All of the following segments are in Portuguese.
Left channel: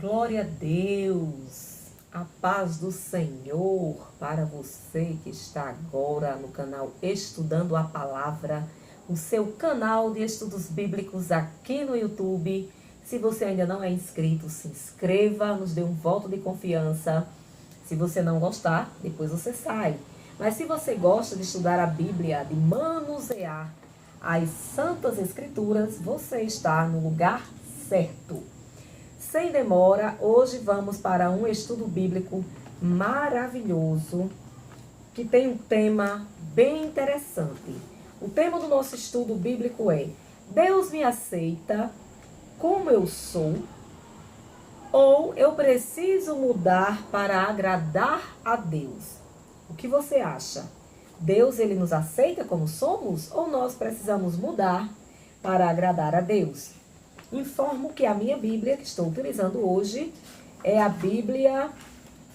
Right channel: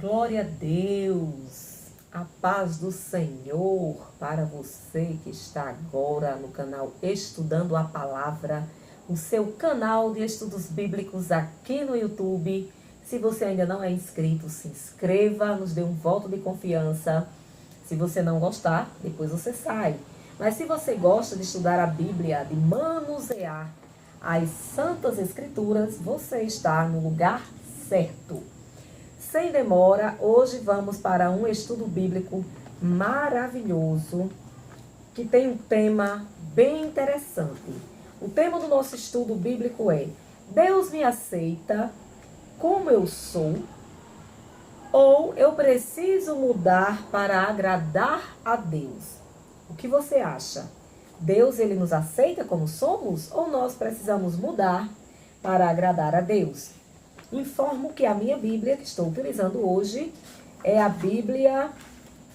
Glória a Deus, a paz do Senhor para você que está agora no canal Estudando a Palavra, o seu canal de estudos bíblicos aqui no YouTube. Se você ainda não é inscrito, se inscreva, nos dê um voto de confiança. Se você não gostar, depois você sai. Mas se você gosta de estudar a Bíblia, de manusear as Santas Escrituras, você está no lugar certo. Sem demora, hoje vamos para um estudo bíblico maravilhoso, que tem um tema bem interessante. O tema do nosso estudo bíblico é: Deus me aceita como eu sou, ou eu preciso mudar para agradar a Deus? O que você acha? Deus, ele nos aceita como somos, ou nós precisamos mudar para agradar a Deus? Informo que a minha Bíblia, que estou utilizando hoje, é a Bíblia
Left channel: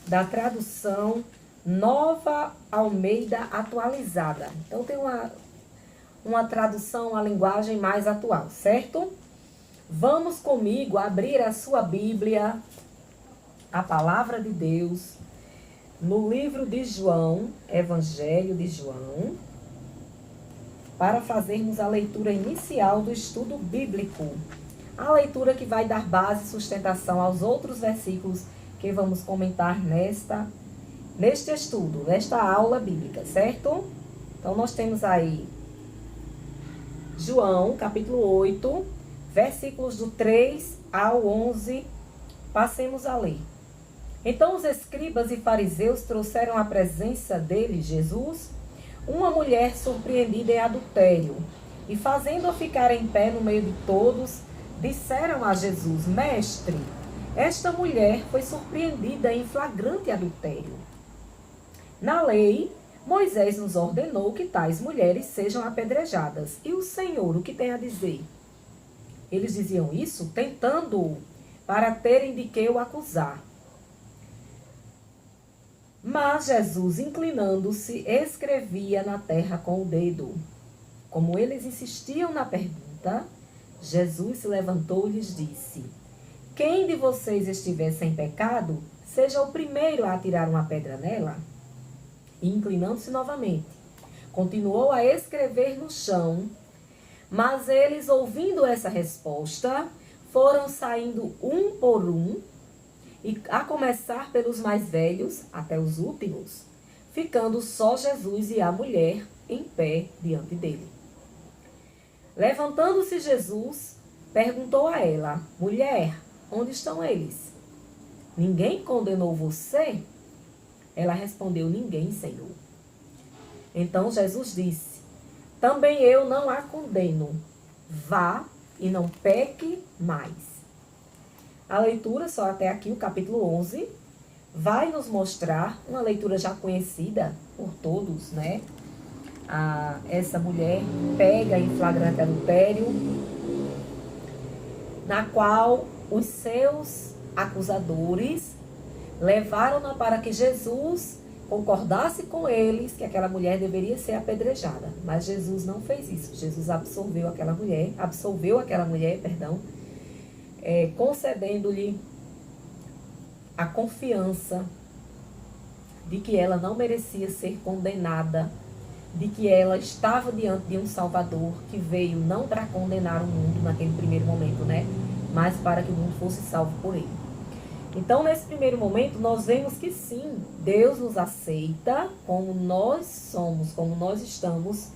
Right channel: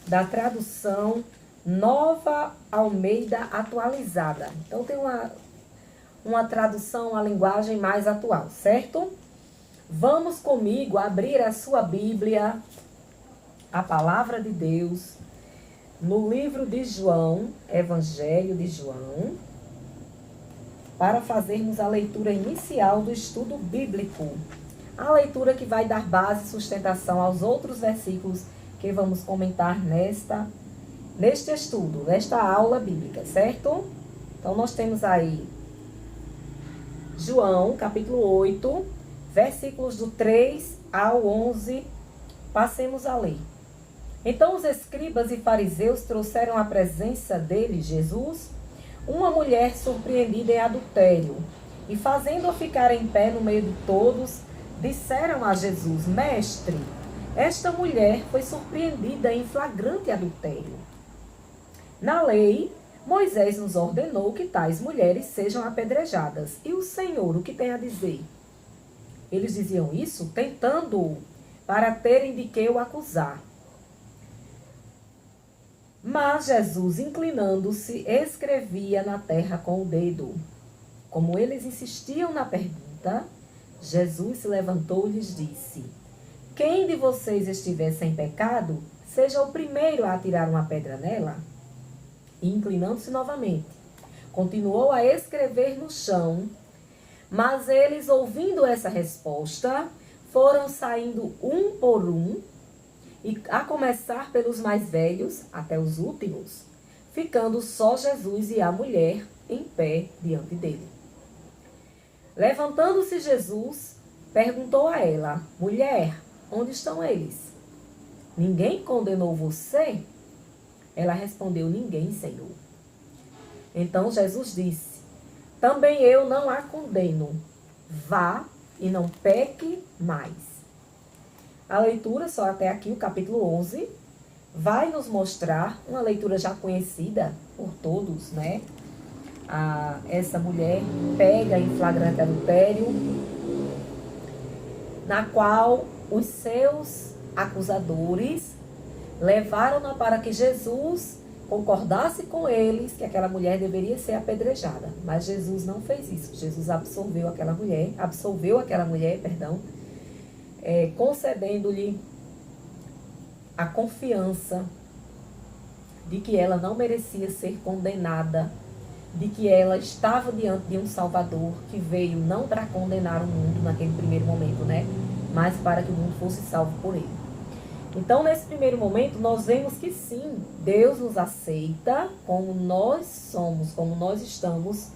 da tradução Nova Almeida Atualizada. Então tem uma tradução, uma linguagem mais atual, certo? Vamos comigo abrir a sua Bíblia, a Palavra de Deus, no livro de João, Evangelho de João, para fazermos a leitura inicial do estudo bíblico. A leitura que vai dar base e sustentação aos outros versículos que vamos comentar neste estudo, nesta aula bíblica, certo? Então, nós temos aí João, capítulo 8, versículos do 3 ao 11. Passemos a ler. Então, os escribas e fariseus trouxeram à presença dele, Jesus, uma mulher surpreendida em adultério, e fazendo-a ficar em pé no meio de todos, disseram a Jesus: Mestre, esta mulher foi surpreendida em flagrante adultério. Na lei, Moisés nos ordenou que tais mulheres sejam apedrejadas. E o Senhor, o que tem a dizer? Eles diziam isso tentando-o, para terem de que o acusar. Mas Jesus, inclinando-se, escrevia na terra com o dedo. Como eles insistiam na pergunta, Jesus se levantou e lhes disse: Quem de vocês estiver sem pecado, seja o primeiro a atirar uma pedra nela. E inclinando-se novamente, continuou a escrever no chão. Mas eles, ouvindo essa resposta, foram saindo um por um, e a começar pelos mais velhos até os últimos, ficando só Jesus e a mulher em pé diante dele. Levantando-se Jesus, perguntou a ela: Mulher, onde estão eles? Ninguém condenou você? Ela respondeu: Ninguém, Senhor. Então Jesus disse: Também eu não a condeno. Vá e não peque mais. A leitura, só até aqui, o capítulo 11, vai nos mostrar uma leitura já conhecida por todos, né? Essa mulher pega em flagrante adultério, na qual os seus acusadores levaram-na para que Jesus concordasse com eles que aquela mulher deveria ser apedrejada. Mas Jesus não fez isso. Jesus absolveu aquela mulher, concedendo-lhe a confiança de que ela não merecia ser condenada, de que ela estava diante de um Salvador que veio não para condenar o mundo naquele primeiro momento, né? Mas para que o mundo fosse salvo por ele. Então, nesse primeiro momento, nós vemos que sim, Deus nos aceita como nós somos, como nós estamos.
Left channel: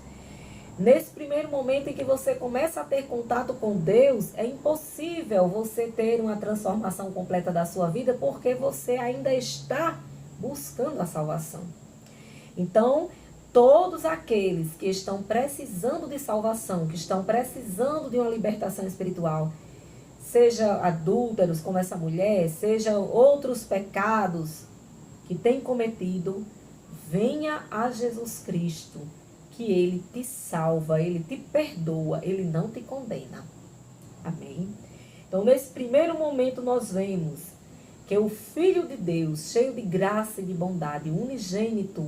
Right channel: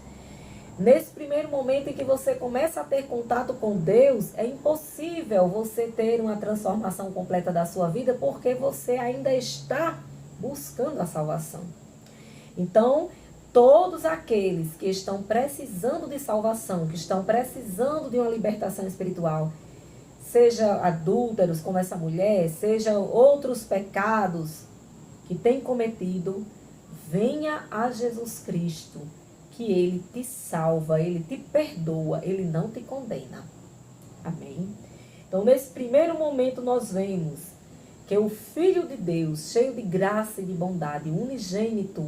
Nesse primeiro momento em que você começa a ter contato com Deus, é impossível você ter uma transformação completa da sua vida, porque você ainda está buscando a salvação. Então, todos aqueles que estão precisando de salvação, que estão precisando de uma libertação espiritual, seja adúlteros como essa mulher, seja outros pecados que têm cometido, venha a Jesus Cristo, que Ele te salva, Ele te perdoa, Ele não te condena. Amém? Então, nesse primeiro momento, nós vemos que o Filho de Deus, cheio de graça e de bondade, unigênito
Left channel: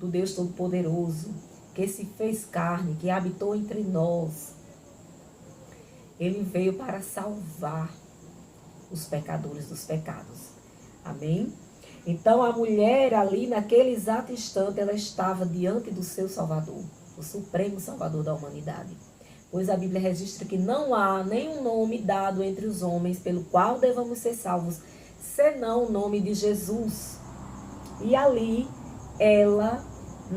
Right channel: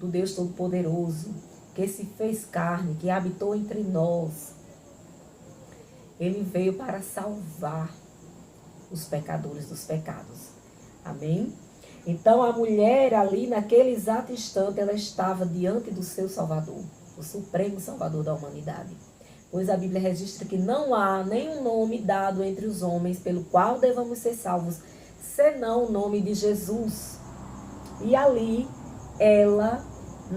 do Deus Todo-Poderoso, que se fez carne, que habitou entre nós, Ele veio para salvar os pecadores dos pecados. Amém? Então a mulher ali, naquele exato instante, ela estava diante do seu Salvador, o supremo Salvador da humanidade. Pois a Bíblia registra que não há nenhum nome dado entre os homens pelo qual devamos ser salvos, senão o nome de Jesus. E ali ela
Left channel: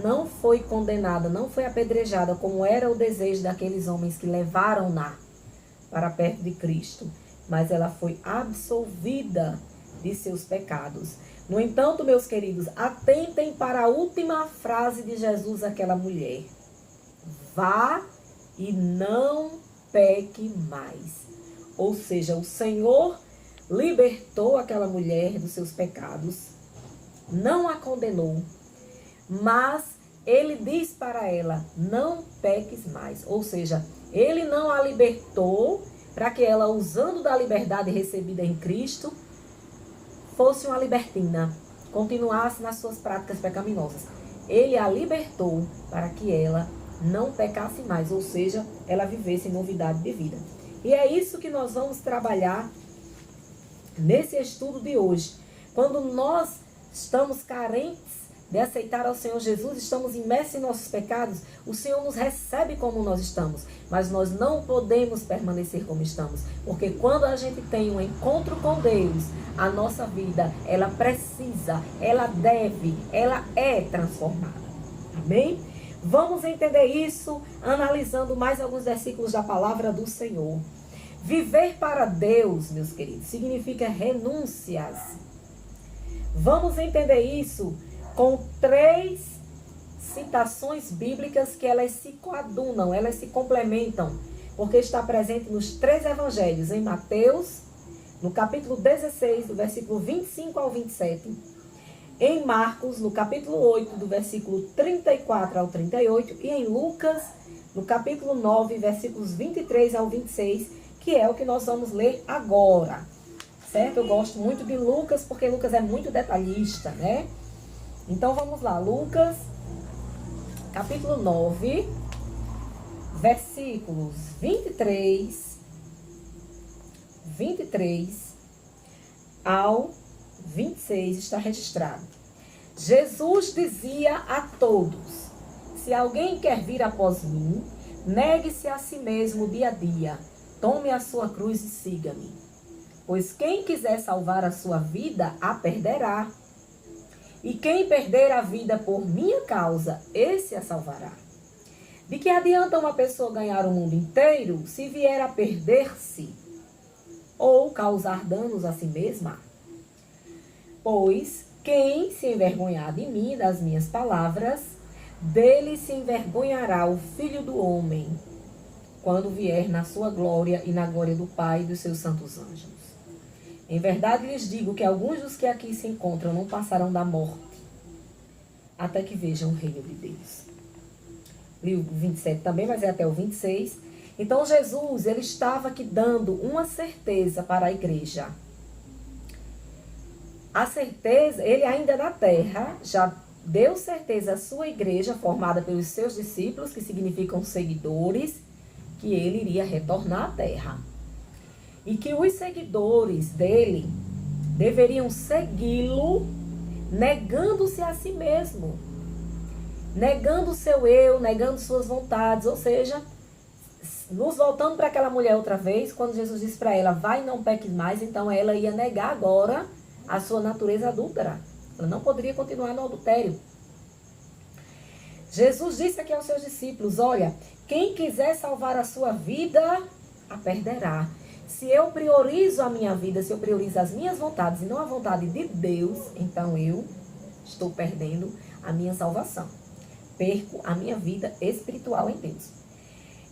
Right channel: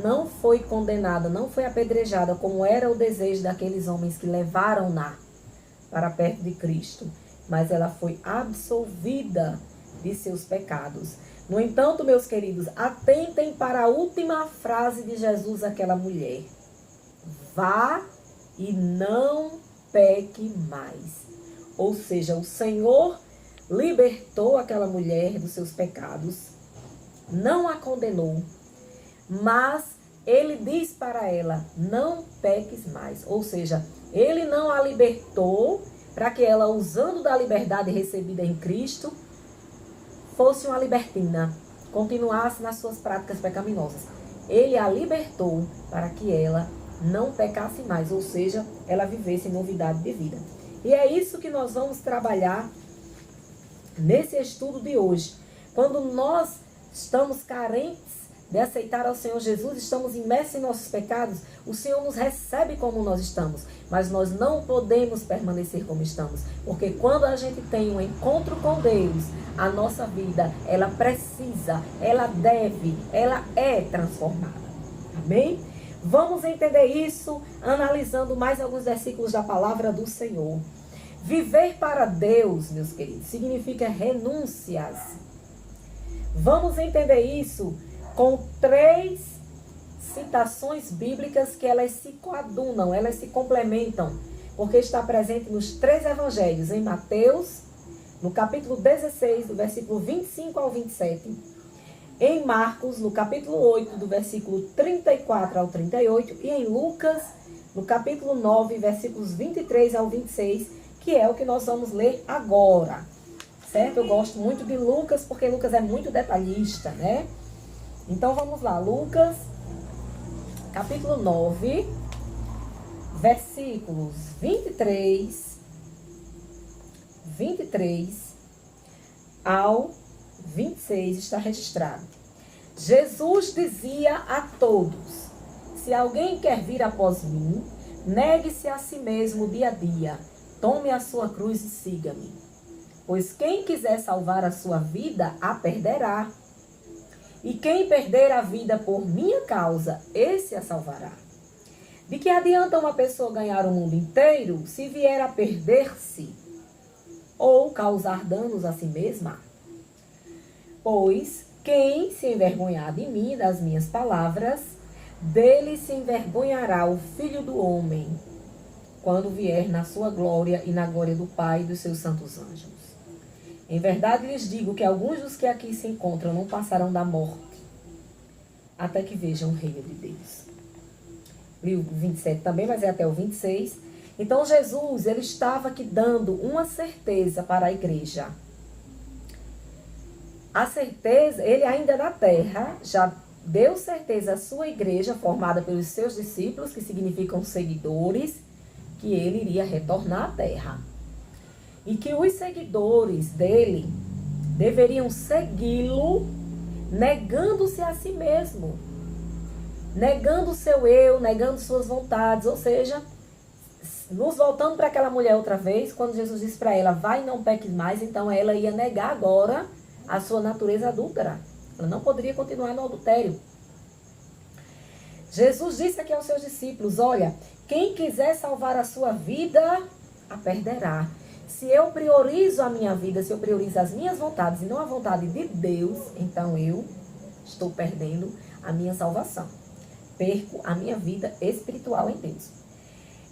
não foi condenada, não foi apedrejada, como era o desejo daqueles homens que levaram-na para perto de Cristo, mas ela foi absolvida de seus pecados. No entanto, meus queridos, atentem para a última frase de Jesus àquela mulher: vá e não peque mais. Ou seja, o Senhor libertou aquela mulher dos seus pecados, não a condenou, mas ele diz para ela: não peques mais. Ou seja, ele não a libertou para que ela, usando da liberdade recebida em Cristo, fosse uma libertina, continuasse nas suas práticas pecaminosas. Ele a libertou para que ela não pecasse mais, ou seja, ela vivesse em novidade de vida. E é isso que nós vamos trabalhar nesse estudo de hoje. Quando nós estamos carentes de aceitar ao Senhor Jesus, estamos imersos em nossos pecados, o Senhor nos recebe como nós estamos, mas nós não podemos permanecer como estamos, porque quando a gente tem um encontro com Deus, a nossa vida, ela precisa, ela deve, ela é transformada. Amém? Vamos entender isso analisando mais alguns versículos da palavra do Senhor. Viver para Deus, meus queridos, significa renúncias. Vamos entender isso com 3 citações bíblicas que elas se coadunam, elas se complementam, porque está presente nos 3 evangelhos, em Mateus, no capítulo 16, do versículo 25 ao 27, em Marcos, no capítulo 8, do versículo 34 ao 38, e em Lucas, no capítulo 9, versículos 23 ao 26, que é o que nós vamos ler agora. Certo? Eu gosto muito de Lucas, porque Lucas é muito detalhista, né? Então vamos lá, Lucas, capítulo 9, versículos 23 ao 26 está registrado. Jesus dizia a todos: se alguém quer vir após mim, negue-se a si mesmo dia a dia, tome a sua cruz e siga-me. Pois quem quiser salvar a sua vida, a perderá. E quem perder a vida por minha causa, esse a salvará. De que adianta uma pessoa ganhar o mundo inteiro se vier a perder-se ou causar danos a si mesma? Pois quem se envergonhar de mim, das minhas palavras, dele se envergonhará o Filho do Homem, quando vier na sua glória e na glória do Pai e dos seus santos anjos. Em verdade lhes digo que alguns dos que aqui se encontram não passarão da morte, até que vejam o reino de Deus. Li o 27 também, mas é até o 26. Então Jesus, ele estava aqui dando uma certeza para a igreja. A certeza, ele ainda na terra, já deu certeza à sua igreja, formada pelos seus discípulos, que significam seguidores, que ele iria retornar à terra. E que os seguidores dele deveriam segui-lo, negando-se a si mesmo, negando o seu eu, negando suas vontades. Ou seja, nos voltando para aquela mulher outra vez, quando Jesus disse para ela: vai e não peques mais, então ela ia negar agora a sua natureza adúltera. Ela não poderia continuar no adultério. Jesus disse aqui aos seus discípulos: olha, quem quiser salvar a sua vida, a perderá. Se eu priorizo a minha vida, se eu priorizo as minhas vontades e não a vontade de Deus, então eu estou perdendo a minha salvação. Perco a minha vida espiritual em Deus.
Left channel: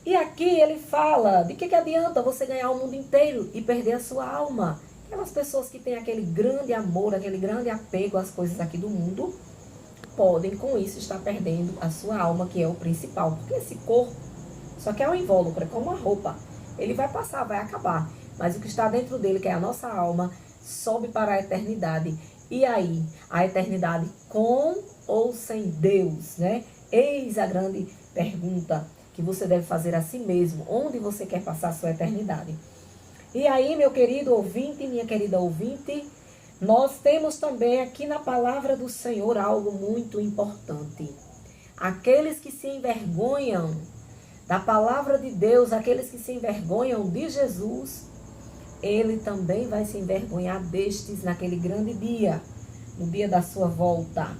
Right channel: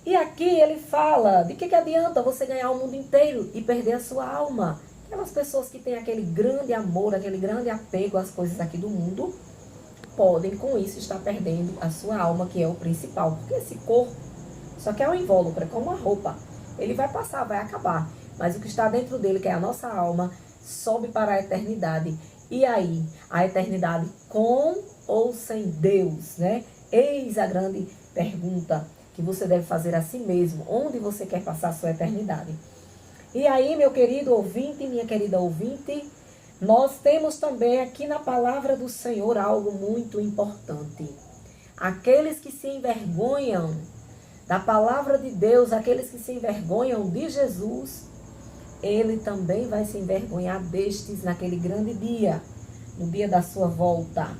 E aqui ele fala, de que adianta você ganhar o mundo inteiro e perder a sua alma? Aquelas pessoas que têm aquele grande amor, aquele grande apego às coisas aqui do mundo, podem com isso estar perdendo a sua alma, que é o principal. Porque esse corpo só que é um invólucro, é como uma roupa. Ele vai passar, vai acabar. Mas o que está dentro dele, que é a nossa alma, sobe para a eternidade. E aí, a eternidade com ou sem Deus, né? Eis a grande pergunta que você deve fazer a si mesmo. Onde você quer passar a sua eternidade? E aí, meu querido ouvinte, minha querida ouvinte, nós temos também aqui na palavra do Senhor algo muito importante. Aqueles que se envergonham da palavra de Deus, aqueles que se envergonham de Jesus, ele também vai se envergonhar destes naquele grande dia, no dia da sua volta.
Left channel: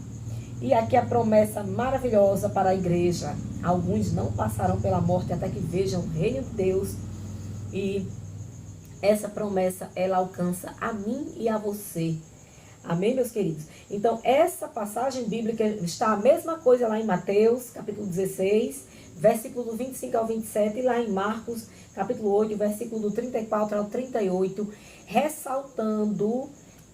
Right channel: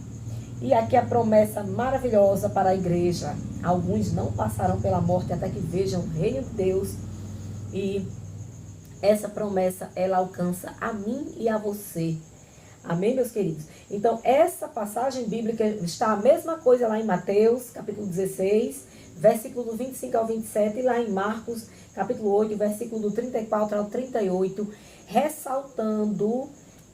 E aqui a promessa maravilhosa para a igreja. Alguns não passarão pela morte até que vejam o reino de Deus. E essa promessa, ela alcança a mim e a você. Amém, meus queridos? Então, essa passagem bíblica está a mesma coisa lá em Mateus, capítulo 16, versículo do 25 ao 27, e lá em Marcos, capítulo 8, versículo do 34 ao 38, ressaltando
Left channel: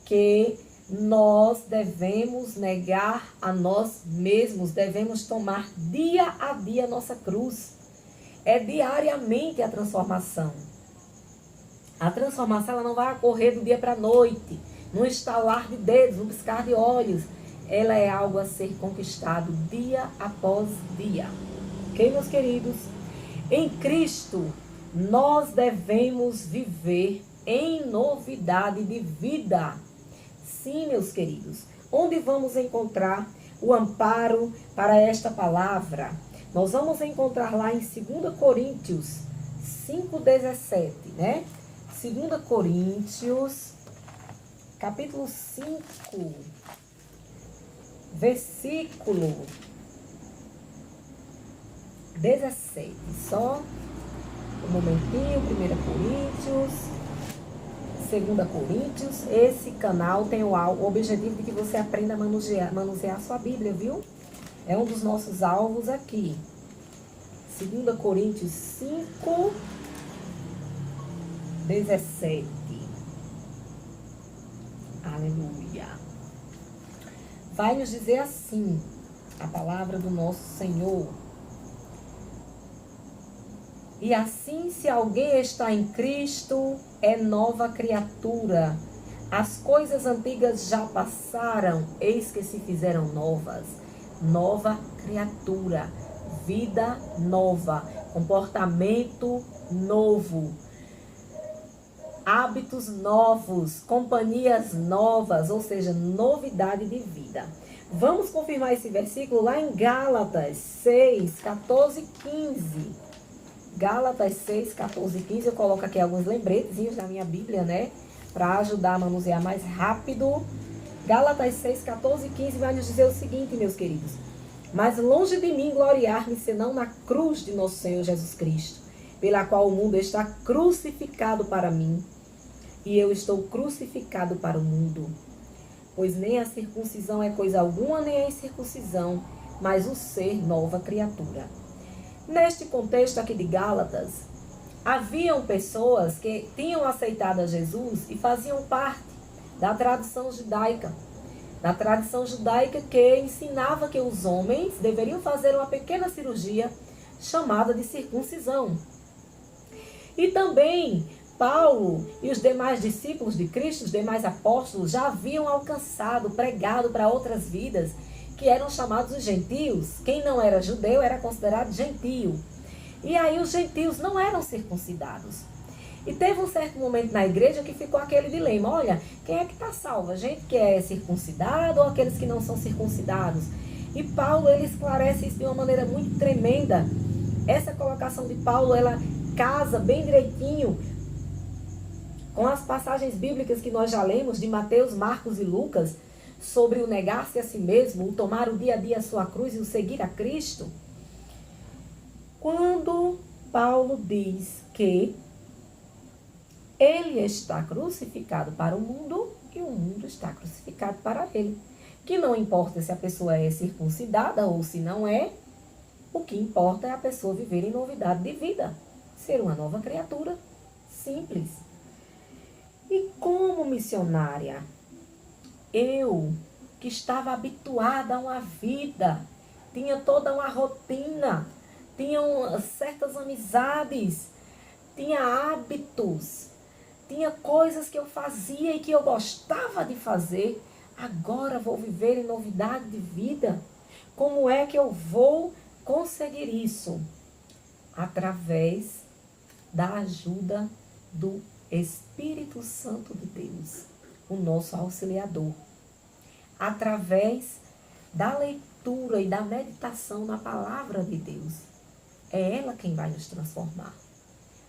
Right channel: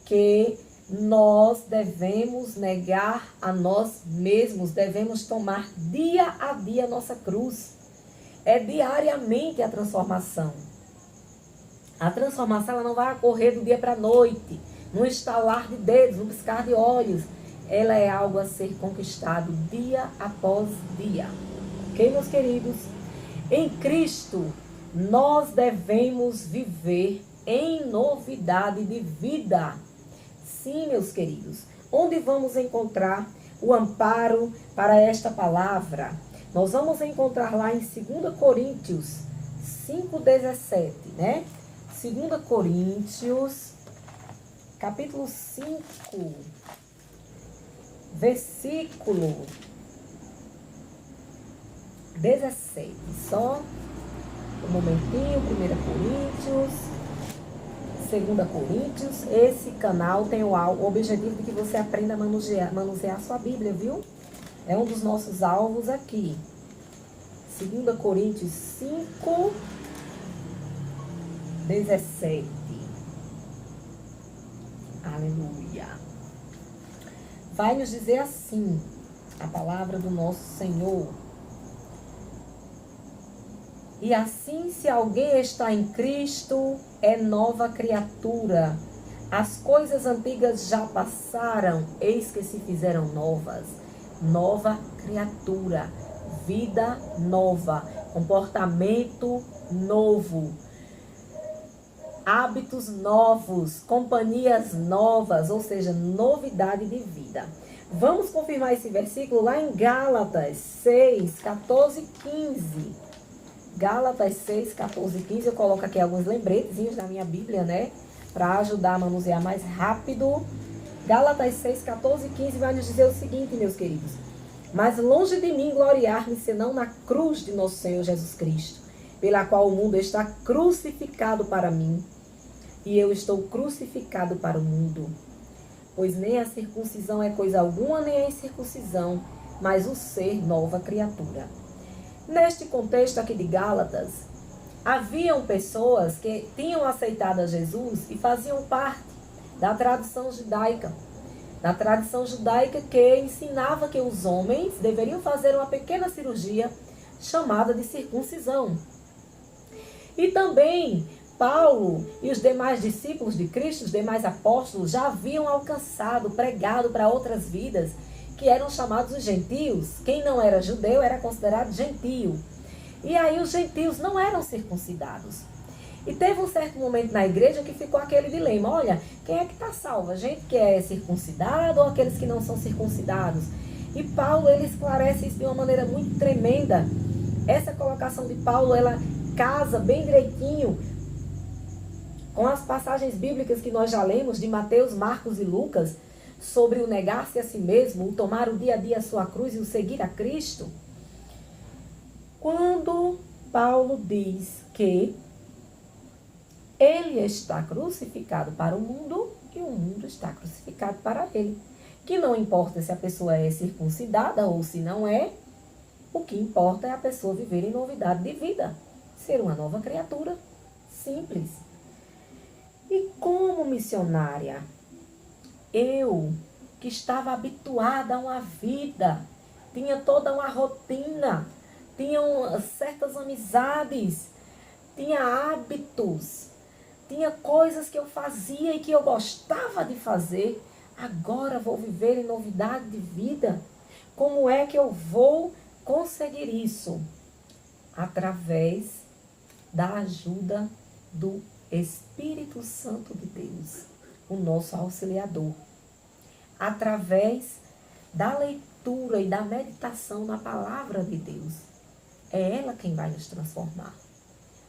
que nós devemos negar a nós mesmos, devemos tomar dia a dia a nossa cruz. É diariamente a transformação. A transformação ela não vai ocorrer do dia para a noite, num estalar de dedos, num piscar de olhos. Ela é algo a ser conquistado dia após dia. Ok, meus queridos? Em Cristo, nós devemos viver em novidade de vida. Sim, meus queridos. Onde vamos encontrar o amparo para esta palavra? Nós vamos encontrar lá em 2 Coríntios 5,17, né? 2 Coríntios, capítulo 5, versículo 17. Só um momentinho, 1 Coríntios, 2 Coríntios. Esse canal tem o objetivo de que você aprenda a manusear a sua Bíblia, viu? É um dos nossos alvos aqui. 2 Coríntios 5, 17. Aleluia. Vai nos dizer assim, a palavra do nosso Senhor. E assim, se alguém está em Cristo, é nova criatura. As coisas antigas já passaram, eis que se fizeram novas. Nova criatura, vida nova, comportamento novo, hábitos novos, companhias novas, ou seja, novidade de vida. Vamos confirmar esse versículo lá em Gálatas 6, 14 e 15. Gálatas 6, 14 e 15, eu coloco aqui alguns lembretezinhos na minha Bíblia, né? Para ajudar a manusear mais rápido. Gálatas 6, 14 e 15 vai nos dizer o seguinte, meus queridos. Mas longe de mim gloriar-me, senão na cruz de nosso Senhor Jesus Cristo, pela qual o mundo está crucificado para mim, e eu estou crucificado para o mundo. Pois nem a circuncisão é coisa alguma, nem a incircuncisão, mas o ser nova criatura. Neste contexto aqui de Gálatas, haviam pessoas que tinham aceitado a Jesus e faziam parte da tradição judaica. Da tradição judaica que ensinava que os homens deveriam fazer uma pequena cirurgia chamada de circuncisão. E também Paulo e os demais discípulos de Cristo, os demais apóstolos, já haviam alcançado, pregado para outras vidas, que eram chamados os gentios. Quem não era judeu era considerado gentio. E aí os gentios não eram circuncidados. E teve um certo momento na igreja que ficou aquele dilema. Olha, quem é que está salvo? A gente que é circuncidado ou aqueles que não são circuncidados? E Paulo, ele esclarece isso de uma maneira muito tremenda. Essa colocação de Paulo, ela casa bem direitinho com as passagens bíblicas que nós já lemos de Mateus, Marcos e Lucas, sobre o negar-se a si mesmo, o tomar o dia a dia a sua cruz e o seguir a Cristo. Quando Paulo diz que ele está crucificado para o mundo e o mundo está crucificado para ele. Que não importa se a pessoa é circuncidada ou se não é, o que importa é a pessoa viver em novidade de vida, ser uma nova criatura, simples. E como missionária, eu, que estava habituada a uma vida, tinha toda uma rotina, tinha certas amizades, tinha hábitos, tinha coisas que eu fazia e que eu gostava de fazer, agora vou viver em novidade de vida. Como é que eu vou conseguir isso? Através da ajuda do Espírito Santo de Deus, o nosso auxiliador, através da leitura e da meditação na palavra de Deus. É ela quem vai nos transformar.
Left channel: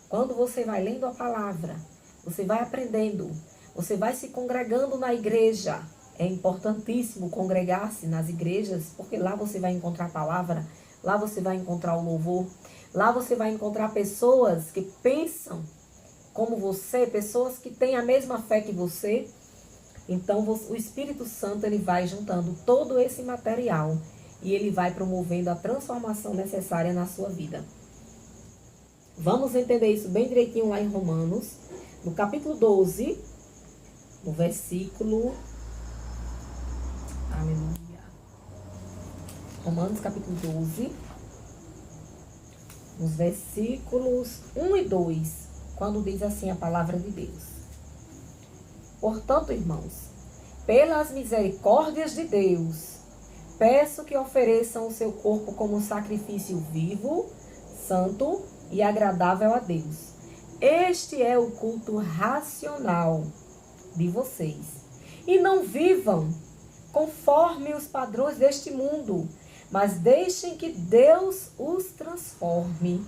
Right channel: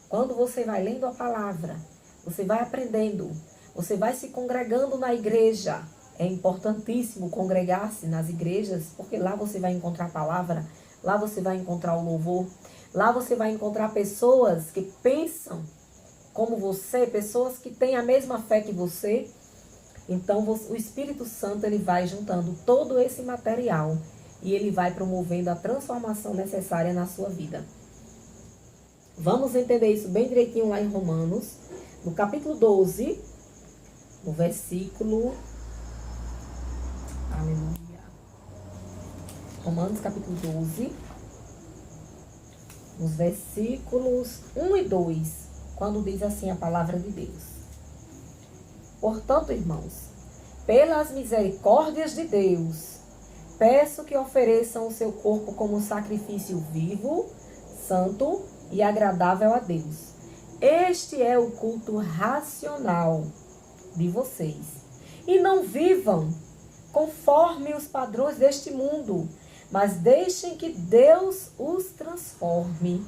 Quando você vai lendo a palavra, você vai aprendendo, você vai se congregando na igreja. É importantíssimo congregar-se nas igrejas, porque lá você vai encontrar a palavra, lá você vai encontrar o louvor, lá você vai encontrar pessoas que pensam como você, pessoas que têm a mesma fé que você. Então o Espírito Santo ele vai juntando todo esse material e ele vai promovendo a transformação necessária na sua vida. Vamos entender isso bem direitinho lá em Romanos, no capítulo 12, no versículo... Aleluia. Romanos capítulo 12, nos versículos 1 e 2, quando diz assim a palavra de Deus. Portanto, irmãos, pelas misericórdias de Deus, peço que ofereçam o seu corpo como sacrifício vivo, santo e agradável a Deus. Este é o culto racional de vocês. E não vivam conforme os padrões deste mundo, mas deixem que Deus os transforme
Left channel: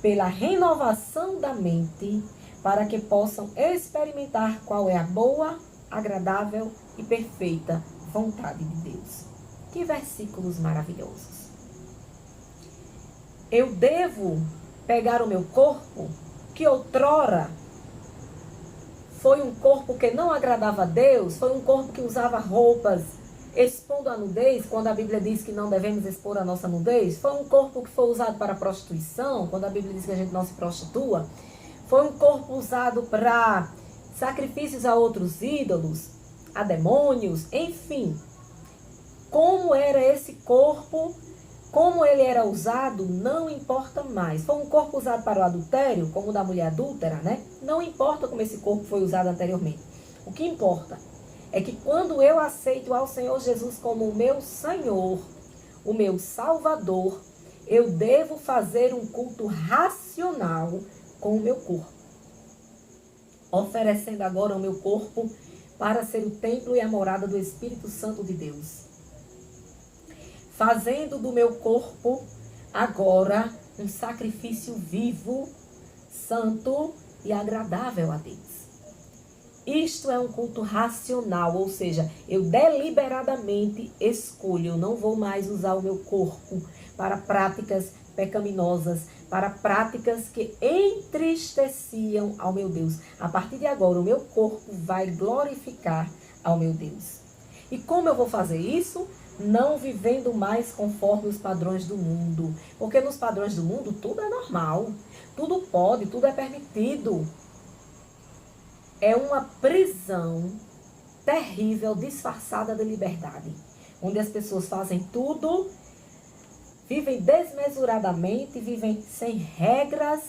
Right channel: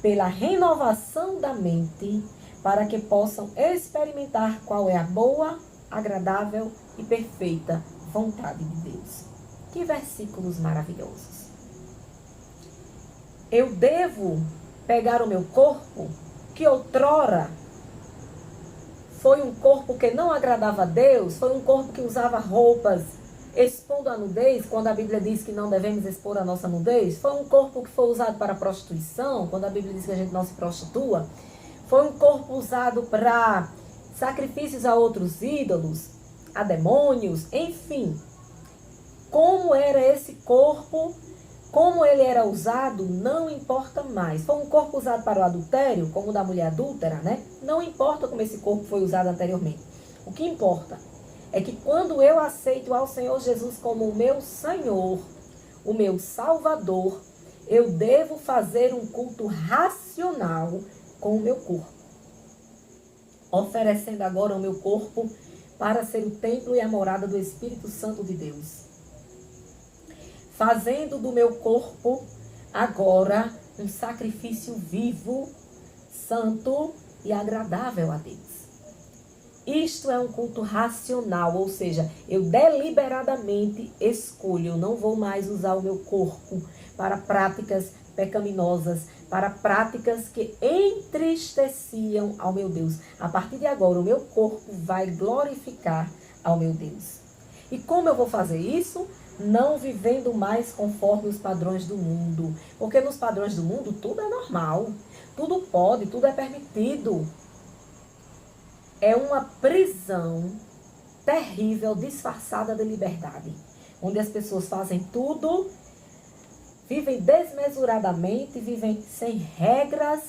pela renovação da mente, para que possam experimentar qual é a boa, agradável e perfeita vontade de Deus. Que versículos maravilhosos! Eu devo pegar o meu corpo, que outrora foi um corpo que não agradava a Deus, foi um corpo que usava roupas expondo a nudez, quando a Bíblia diz que não devemos expor a nossa nudez, foi um corpo que foi usado para prostituição, quando a Bíblia diz que a gente não se prostitua, foi um corpo usado para sacrifícios a outros ídolos, a demônios, enfim. Como era esse corpo, como ele era usado, não importa mais. Foi um corpo usado para o adultério, como o da mulher adúltera, né? Não importa como esse corpo foi usado anteriormente. O que importa é que quando eu aceito ao Senhor Jesus como o meu Senhor, o meu Salvador, eu devo fazer um culto racional com o meu corpo. Oferecendo agora o meu corpo para ser o templo e a morada do Espírito Santo de Deus. Fazendo do meu corpo agora um sacrifício vivo, santo e agradável a Deus. Isto é um culto racional, ou seja, eu deliberadamente escolho, eu não vou mais usar o meu corpo para práticas pecaminosas, para práticas que entristeciam ao meu Deus. A partir de agora, o meu corpo vai glorificar ao meu Deus. E como eu vou fazer isso? Não vivendo mais conforme os padrões do mundo. Porque nos padrões do mundo tudo é normal, tudo pode, tudo é permitido. É uma prisão terrível, disfarçada de liberdade. Onde as pessoas fazem tudo, vivem desmesuradamente, vivem sem regras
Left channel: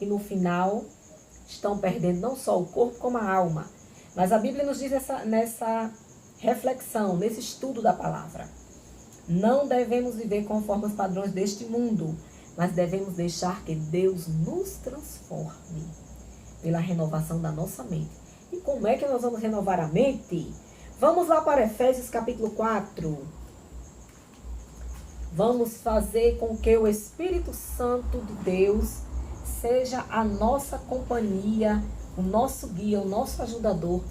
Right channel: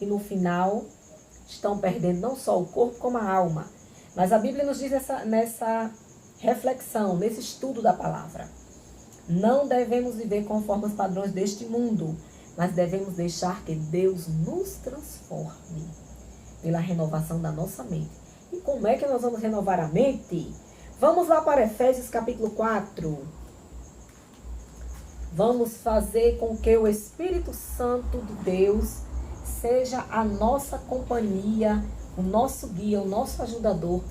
e no final estão perdendo não só o corpo como a alma. Mas a Bíblia nos diz nessa reflexão, nesse estudo da palavra. Não devemos viver conforme os padrões deste mundo, mas devemos deixar que Deus nos transforme pela renovação da nossa mente. E como é que nós vamos renovar a mente? Vamos lá para Efésios capítulo 4. Vamos fazer com que o Espírito Santo de Deus seja a nossa companhia, o nosso guia, o nosso ajudador,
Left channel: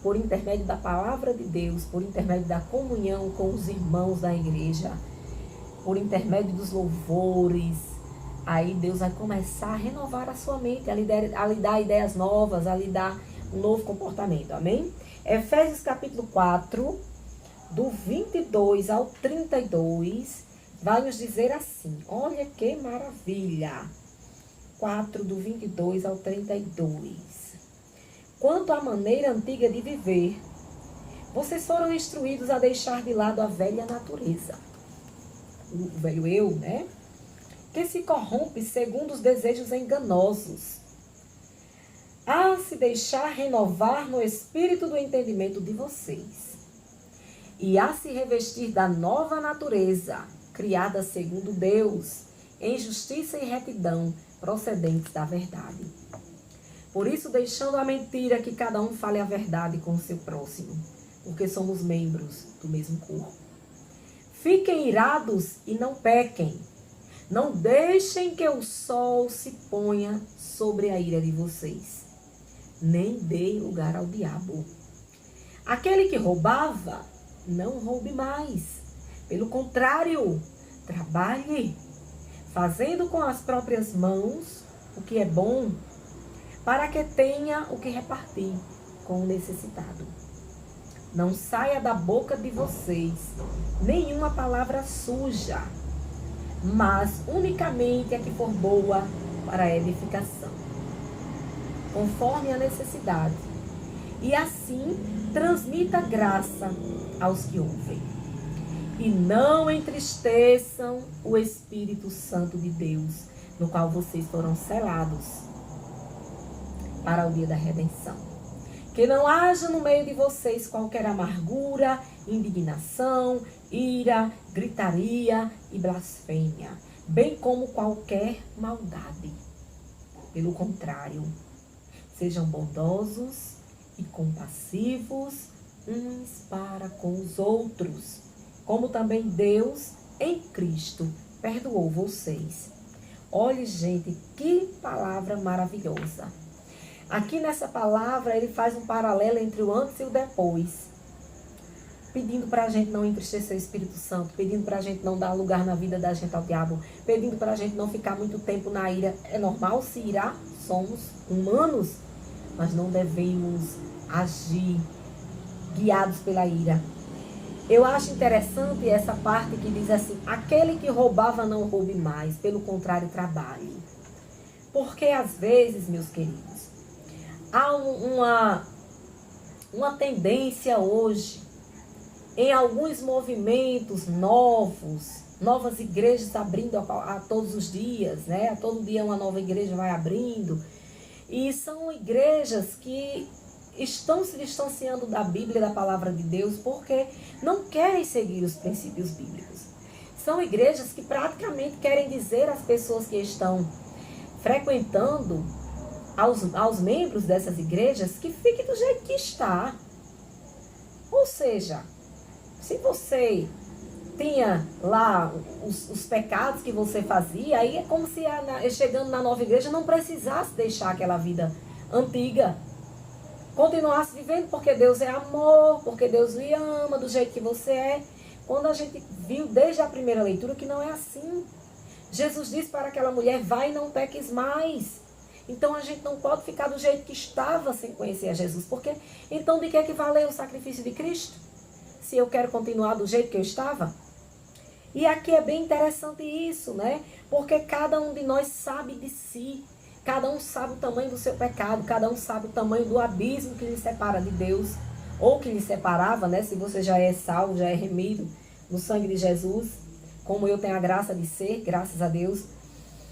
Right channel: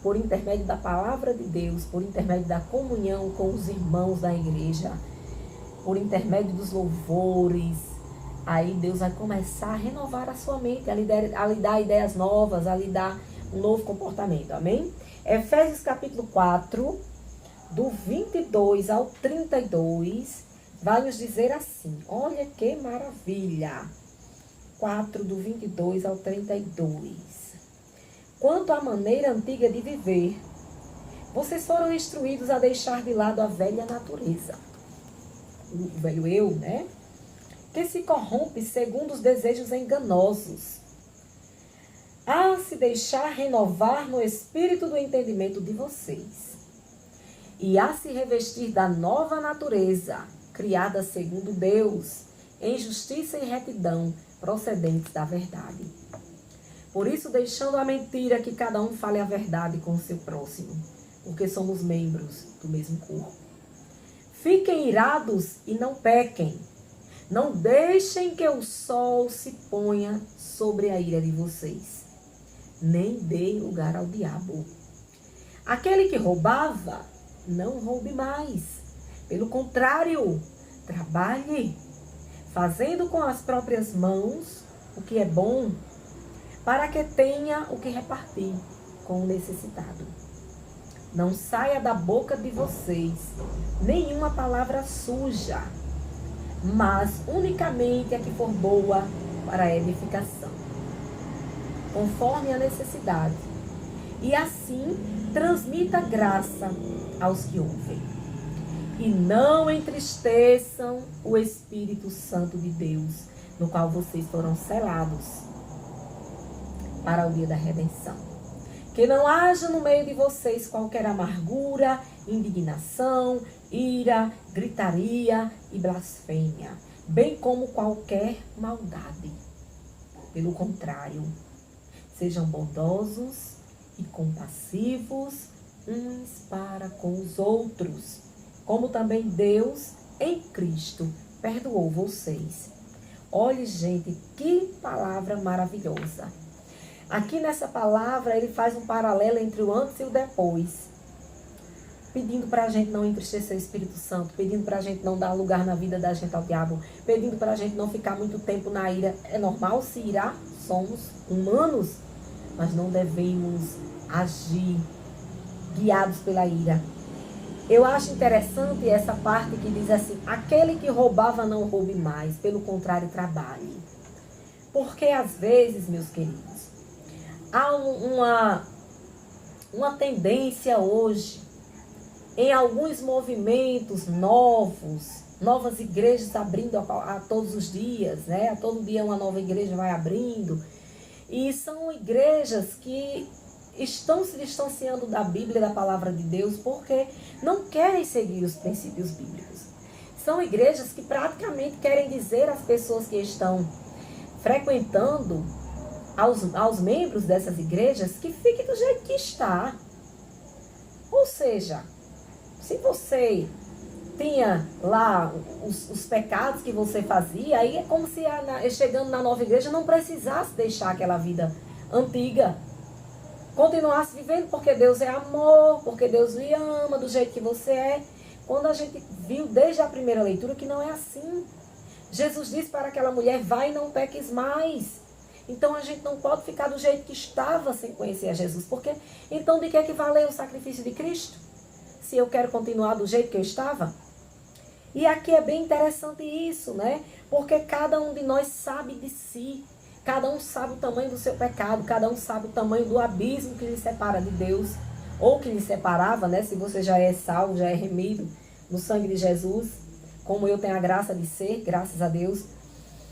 por intermédio da palavra de Deus, por intermédio da comunhão com os irmãos da igreja, por intermédio dos louvores. Aí Deus vai começar a renovar a sua mente, a lhe dar ideias novas, a lhe dar um novo comportamento. Amém? Efésios capítulo 4, do 22 ao 32, vai nos dizer assim. Olha que maravilha! 4, do 22 ao 32. Quanto à maneira antiga de viver, vocês foram instruídos a deixar de lado a velha natureza, o velho eu, né? Que se corrompe segundo os desejos enganosos, a se deixar renovar no espírito do entendimento de vocês, e a se revestir da nova natureza, criada segundo Deus, em justiça e retidão, procedentes da verdade. Por isso, deixando a mentira, que cada um fale a verdade com o seu próximo, porque somos membros do mesmo corpo. Fiquem irados e não pequem. Não deixem que o sol se ponha sobre a ira de vocês. Nem deem lugar ao diabo. Aquele que roubava, não roube mais. Pelo contrário, trabalhe, fazendo com as próprias mãos o que é bom, para que tenha o que repartir com o necessitado. Não saia da boca de vocês nenhuma palavra suja, mas unicamente a que for boa para a edificação, conforme a necessidade, e assim transmita graça aos que ouvem. E não entristeçam o Espírito Santo de Deus, no qual vocês foram selados para o dia da redenção. Que não haja no meio de vocês qualquer amargura, indignação, ira, gritaria e blasfêmia, bem como qualquer maldade. Pelo contrário, sejam bondosos e compassivos uns para com os outros, como também Deus, em Cristo, perdoou vocês. Olhe, gente, que palavra maravilhosa. Aqui nessa palavra, ele faz um paralelo entre o antes e o depois. Pedindo para a gente não entristecer o Espírito Santo, pedindo para a gente não dar lugar na vida da gente ao diabo, pedindo para a gente não ficar muito tempo na ira. É normal se irar, somos humanos, mas não devemos agir guiados pela ira. Eu acho interessante essa parte que diz assim: aquele que roubava não roube mais, pelo contrário, trabalhe. Porque às vezes, meus queridos, há uma tendência hoje, em alguns movimentos novas igrejas abrindo a todos os dias, né? A todo dia uma nova igreja vai abrindo. E são igrejas que estão se distanciando da Bíblia, da palavra de Deus, porque não querem seguir os princípios bíblicos. São igrejas que praticamente querem dizer às pessoas que estão frequentando, aos membros dessas igrejas, que fique do jeito que está. Ou seja, se você tinha lá os pecados que você fazia, aí é como se chegando na nova igreja não precisasse deixar aquela vida antiga. Continuasse vivendo porque Deus é amor, porque Deus lhe ama do jeito que você é. Quando a gente viu desde a primeira leitura que não é assim. Jesus disse para aquela mulher: vai e não peques mais. Então a gente não pode ficar do jeito que estava sem conhecer a Jesus. Porque então de que valeu o sacrifício de Cristo? Se eu quero continuar do jeito que eu estava? E aqui é bem interessante isso, né? Porque cada um de nós sabe de si. Cada um sabe o tamanho do seu pecado. Cada um sabe o tamanho do abismo que lhe separa de Deus. Ou que lhe separava, né? Se você já é salvo, já é remido no sangue de Jesus. Como eu tenho a graça de ser, graças a Deus.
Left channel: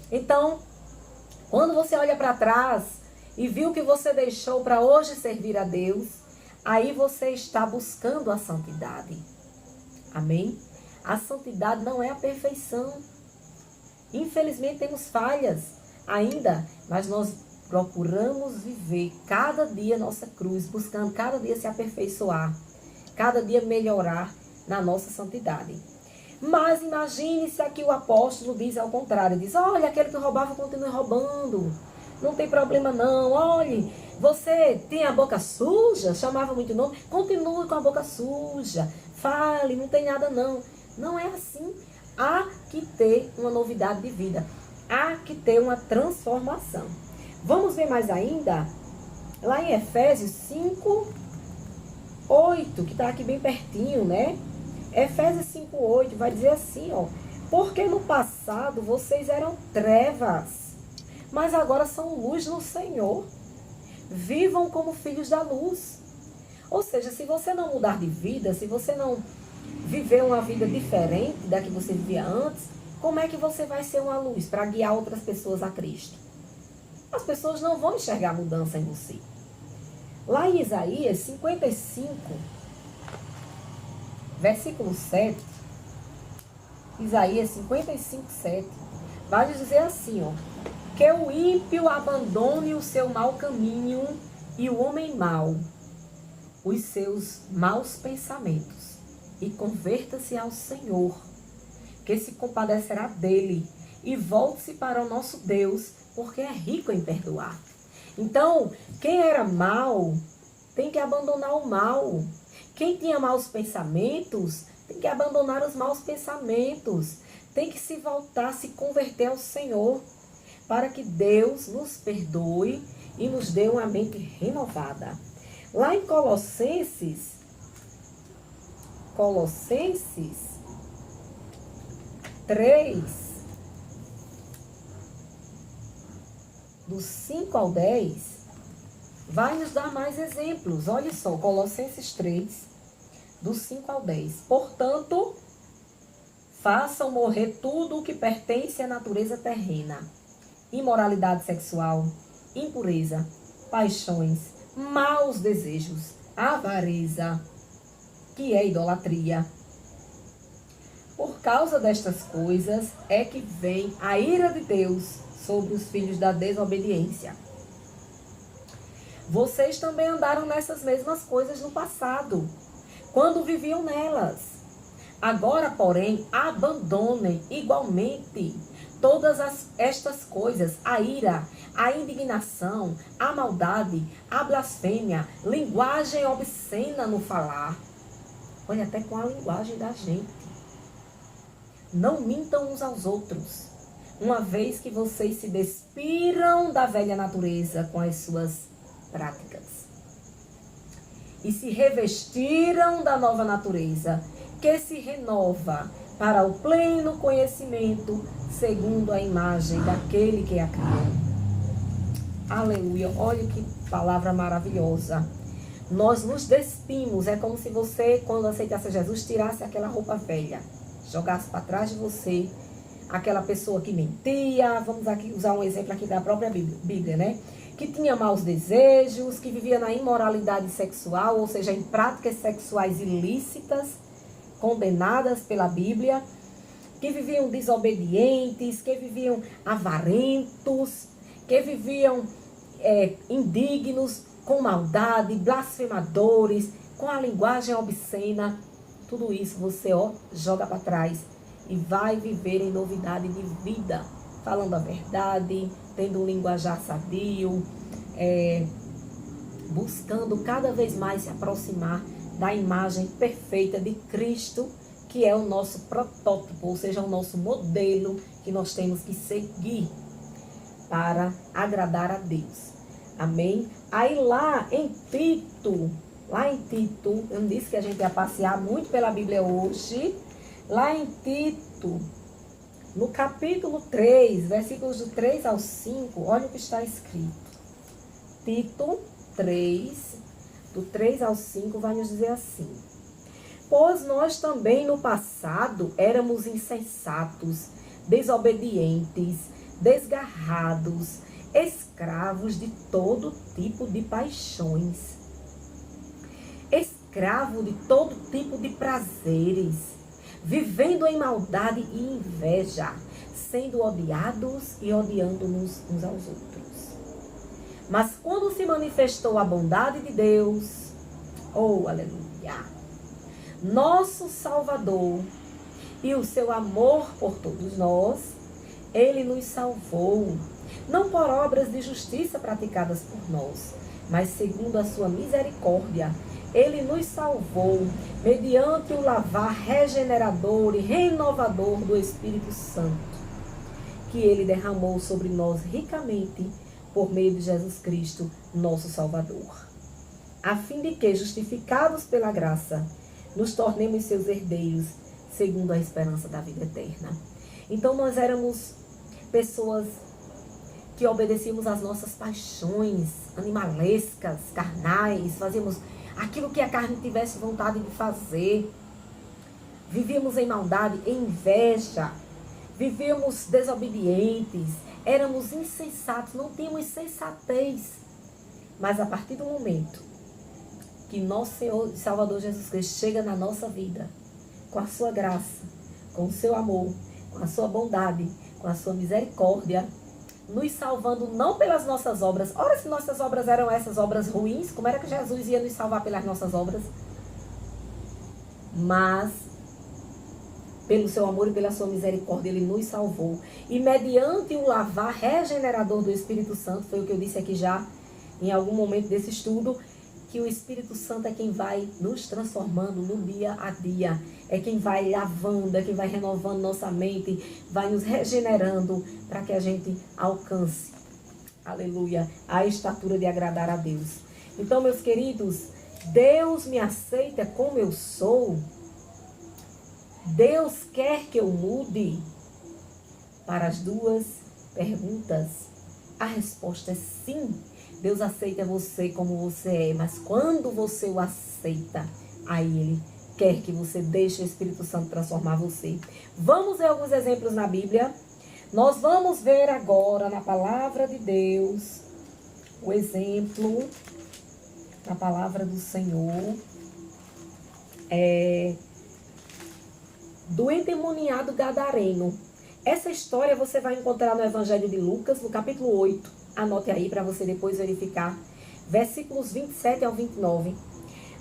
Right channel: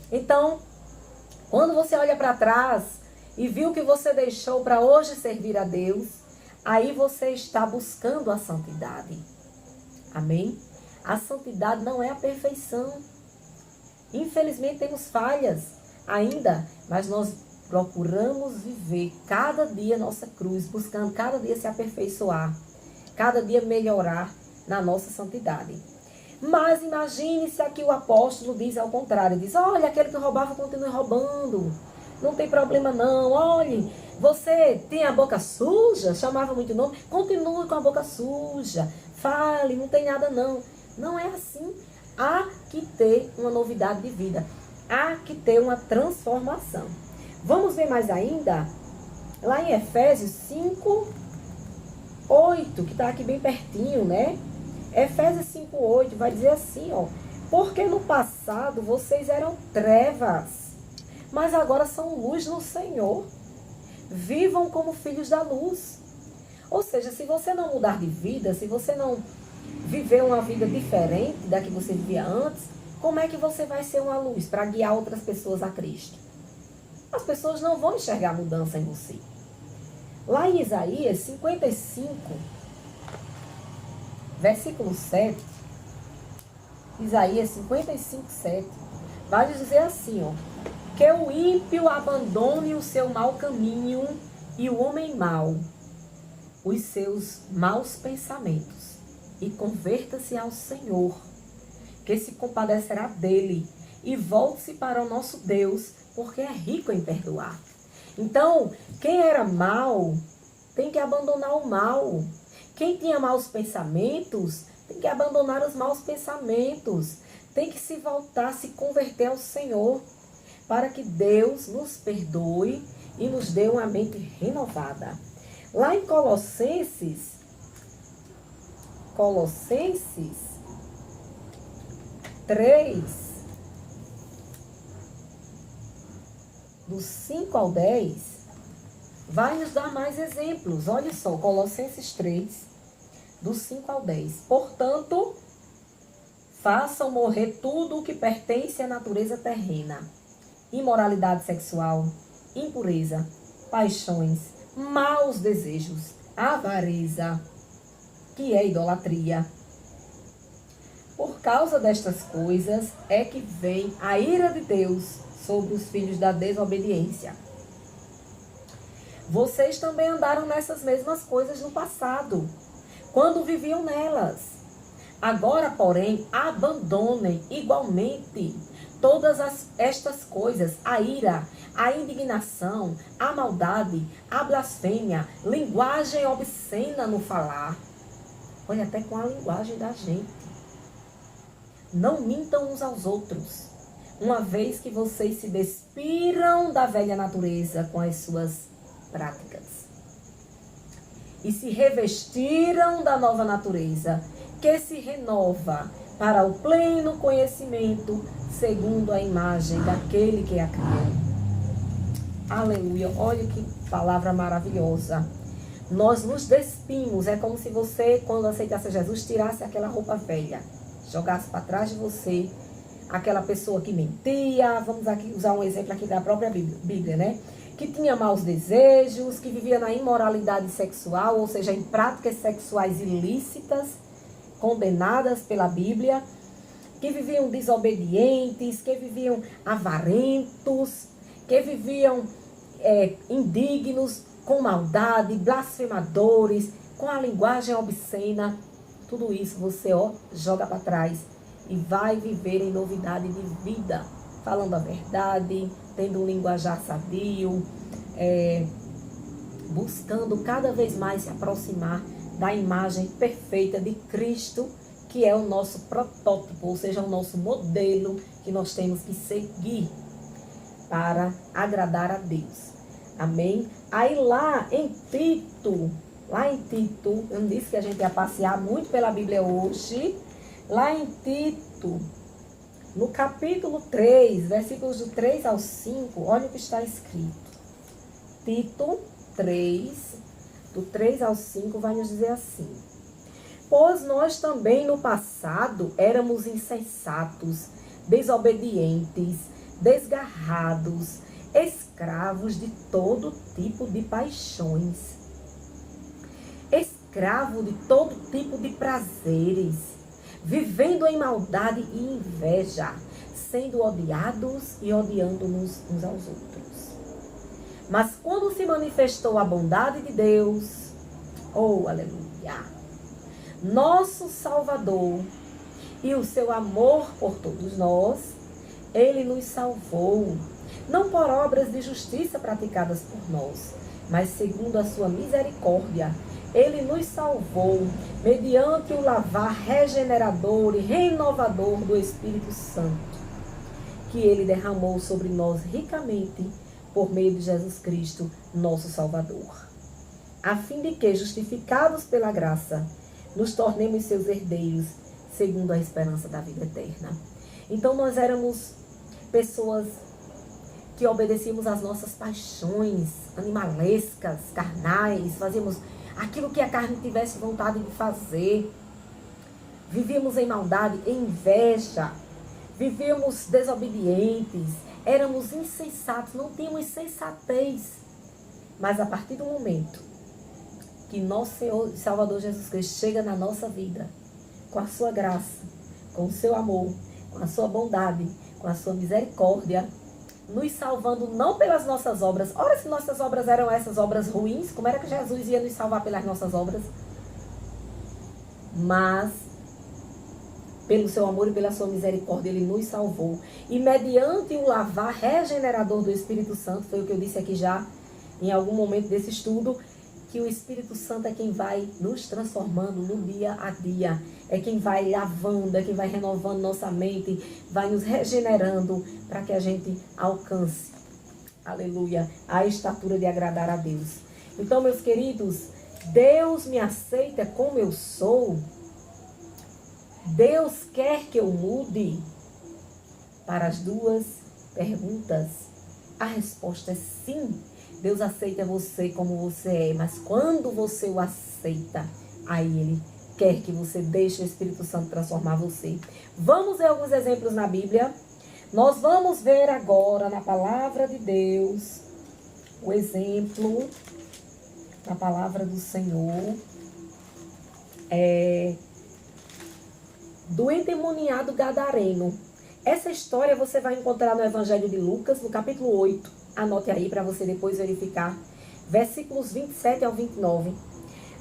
Então, quando você olha para trás e viu que você deixou para hoje servir a Deus, aí você está buscando a santidade. Amém? A santidade não é a perfeição. Infelizmente temos falhas ainda, mas nós procuramos viver cada dia nossa cruz, buscando cada dia se aperfeiçoar, cada dia melhorar na nossa santidade. Mas imagine se aqui o apóstolo diz ao contrário, diz: olha, aquele que roubava continue roubando, não tem problema não, olhe, você tem a boca suja, chamava muito nome, continue com a boca suja, fale, não tem nada não. Não é assim. Há que ter uma novidade de vida, há que ter uma transformação. Vamos ver mais ainda, lá em Efésios 5, 8, que está aqui bem pertinho, né? Efésios 5:8 vai dizer assim, ó: porque no passado vocês eram trevas, mas agora são luz no Senhor. Vivam como filhos da luz. Ou seja, se você não mudar de vida, se você não viver uma vida diferente da que você vivia antes, como é que você vai ser uma luz para guiar outras pessoas a Cristo? As pessoas não vão enxergar mudança em você. Lá em Isaías 55, versículo 7, Isaías 55, 7, vai dizer assim, ó: Que o ímpio abandone o seu mau caminho e o homem mau os seus maus pensamentos e converta-se ao Senhor, que se compadecerá dele, e volte-se para o nosso Deus, porque é rico em perdoar. Então, quem era mau tem que abandonar o mal. Quem tinha maus pensamentos tem que abandonar os maus pensamentos. Tem que se voltar, se converter ao Senhor, para que Deus nos perdoe e nos dê uma mente renovada. Lá em Colossenses 3, do 5 ao 10, vai nos dar mais exemplos. Olha só, Colossenses 3, do 5 ao 10. Portanto, façam morrer tudo o que pertence à natureza terrena: imoralidade sexual, impureza, paixões, maus desejos, avareza, que é idolatria. Por causa destas coisas é que vem a ira de Deus sobre os filhos da desobediência. Vocês também andaram nessas mesmas coisas no passado, quando viviam nelas. Agora, porém, abandonem igualmente todas estas coisas: a ira, a indignação, a maldade, a blasfêmia, linguagem obscena no falar. Olha, até com a linguagem da gente. Não mintam uns aos outros, uma vez que vocês se despiram da velha natureza com as suas práticas e se revestiram da nova natureza, que se renova para o pleno conhecimento, segundo a imagem daquele que a criou. Aleluia! Olha que palavra maravilhosa. Nós nos despimos. É como se você, quando aceitasse Jesus, tirasse aquela roupa velha, jogasse para trás de você aquela pessoa que mentia. Vamos aqui usar um exemplo aqui da própria Bíblia, né? Que tinha maus desejos, que vivia na imoralidade sexual, ou seja, em práticas sexuais ilícitas, condenadas pela Bíblia, que viviam desobedientes, que viviam avarentos, que viviam indignos, com maldade, blasfemadores, com a linguagem obscena. Tudo isso você joga para trás e vai viver em novidade de vida, falando a verdade, tendo um linguajar sadio, buscando cada vez mais se aproximar da imagem perfeita de Cristo, que é o nosso protótipo, ou seja, o nosso modelo que nós temos que seguir para agradar a Deus. Amém? Aí lá em Tito, eu não disse que a gente ia passear muito pela Bíblia hoje. Lá em Tito, no capítulo 3, versículos do 3 ao 5, olha o que está escrito. Tito 3, do 3 ao 5, vai nos dizer assim: pois nós também no passado éramos insensatos, desobedientes, desgarrados, escravos de todo tipo de paixões, escravo de todo tipo de prazeres, vivendo em maldade e inveja, sendo odiados e odiando-nos uns aos outros. Mas quando se manifestou a bondade de Deus, oh, aleluia, nosso Salvador, e o seu amor por todos nós, Ele nos salvou, não por obras de justiça praticadas por nós, mas segundo a sua misericórdia. Ele nos salvou mediante o lavar regenerador e renovador do Espírito Santo, que Ele derramou sobre nós ricamente por meio de Jesus Cristo, nosso Salvador, a fim de que, justificados pela graça, nos tornemos seus herdeiros, segundo a esperança da vida eterna. Então nós éramos pessoas que obedecíamos às nossas paixões animalescas, carnais, fazíamos aquilo que a carne tivesse vontade de fazer. Vivíamos em maldade, em inveja, vivíamos desobedientes, éramos insensatos, não tínhamos sensatez. Mas a partir do momento que nosso Senhor e Salvador Jesus Cristo chega na nossa vida, com a sua graça, com o seu amor, com a sua bondade, com a sua misericórdia, nos salvando não pelas nossas obras. Ora, se nossas obras eram essas obras ruins, como era que Jesus ia nos salvar pelas nossas obras? Mas, pelo seu amor e pela sua misericórdia, ele nos salvou. E mediante o lavar regenerador do Espírito Santo, foi o que eu disse aqui já, em algum momento desse estudo, que o Espírito Santo é quem vai nos transformando no dia a dia. É quem vai lavando, é quem vai renovando nossa mente, vai nos regenerando para que a gente alcance, aleluia, a estatura de agradar a Deus. Então, meus queridos, Deus me aceita como eu sou? Deus quer que eu mude? Para as duas perguntas, a resposta é sim. Deus aceita você como você é, mas quando você o aceita, aí Ele quer que você deixe o Espírito Santo transformar você. Vamos ver alguns exemplos na Bíblia. Nós vamos ver agora na palavra de Deus o exemplo na palavra do Senhor do endemoniado gadareno. Essa história você vai encontrar no Evangelho de Lucas, no capítulo 8. Anote aí para você depois verificar. Versículos 27 ao 29.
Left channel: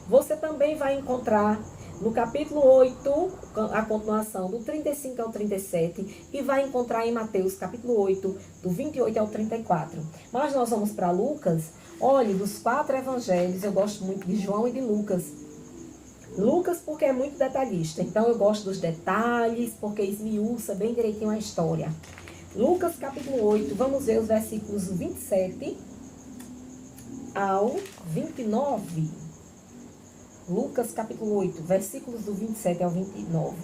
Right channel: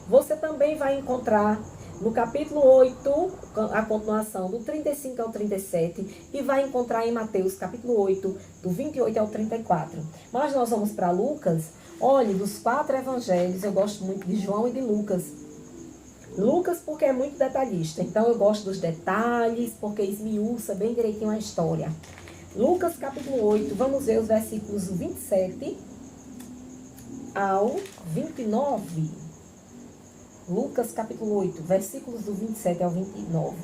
Você também vai encontrar no capítulo 8, a continuação do 35 ao 37. E vai encontrar em Mateus, capítulo 8, do 28 ao 34. Mas nós vamos para Lucas. Olhe, dos 4 evangelhos, eu gosto muito de João e de Lucas. Lucas porque é muito detalhista. Então eu gosto dos detalhes, porque esmiuça bem direitinho a história. Lucas capítulo 8, vamos ver os versículos 27 ao 29. Lucas capítulo 8, versículos do 27 ao 29.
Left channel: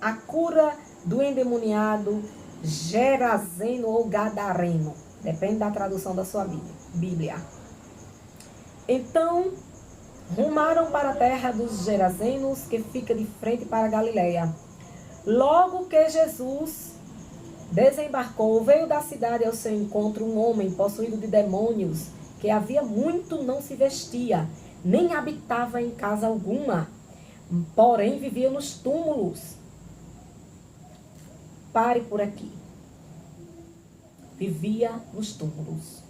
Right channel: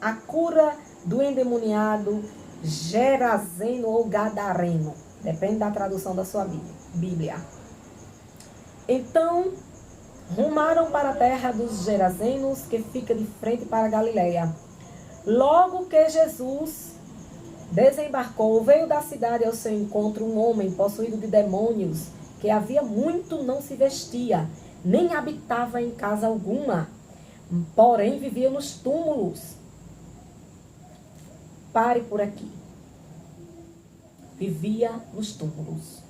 A cura do endemoniado Gerazeno ou Gadareno. Depende da tradução da sua Bíblia. Então, rumaram para a terra dos Gerazenos, que fica de frente para a Galileia. Logo que Jesus desembarcou, veio da cidade ao seu encontro um homem possuído de demônios, que havia muito não se vestia, nem habitava em casa alguma, porém vivia nos túmulos. Pare por aqui. Vivia nos túmulos.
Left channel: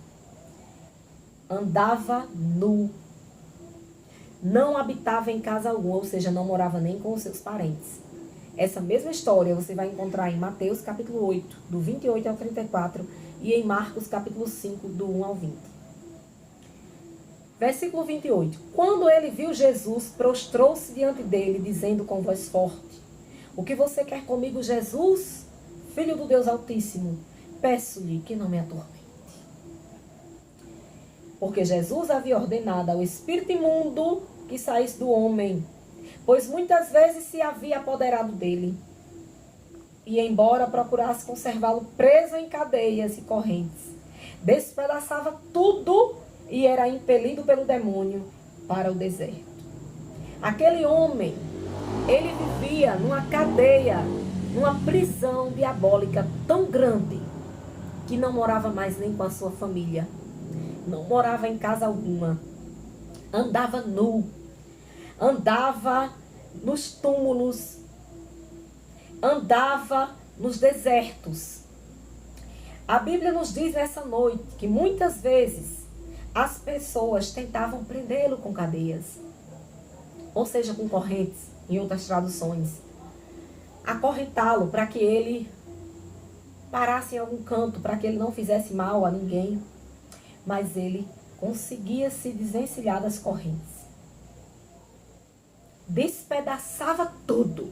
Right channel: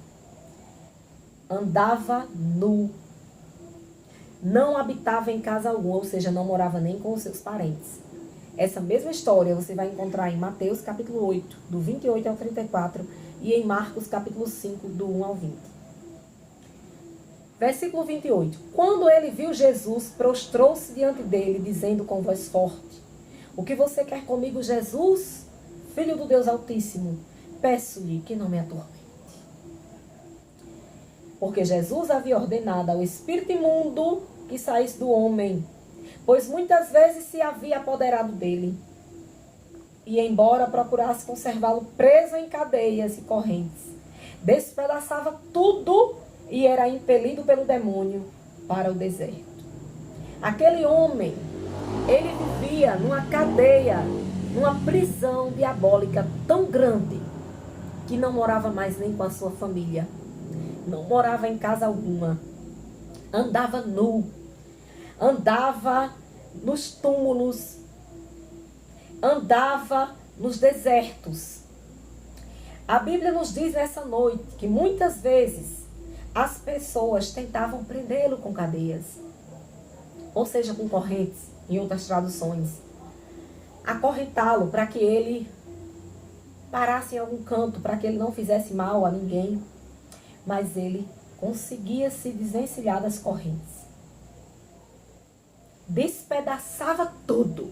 Andava nu. Não habitava em casa alguma, ou seja, não morava nem com os seus parentes. Essa mesma história você vai encontrar em Mateus capítulo 8, do 28 ao 34, e em Marcos capítulo 5, do 1 ao 20. Versículo 28. Quando ele viu Jesus, prostrou-se diante dele, dizendo com voz forte: O que você quer comigo, Jesus, Filho do Deus Altíssimo? Peço-lhe que não me atormente. Porque Jesus havia ordenado ao espírito imundo que saísse do homem, pois muitas vezes se havia apoderado dele. E embora procurasse conservá-lo preso em cadeias e correntes, despedaçava tudo e era impelido pelo demônio para o deserto. Aquele homem, ele vivia numa cadeia, numa prisão diabólica tão grande, que não morava mais nem com a sua família. Não morava em casa alguma. Andava nu. Andava nos túmulos. Andava nos desertos. A Bíblia nos diz nessa noite que muitas vezes as pessoas tentavam prendê-lo com cadeias. Ou seja, com correntes, em outras traduções. Acorrentá-lo para que ele parasse em algum canto, para que ele não fizesse mal a ninguém. Mas ele conseguia se desvencilhar das correntes. Despedaçava tudo.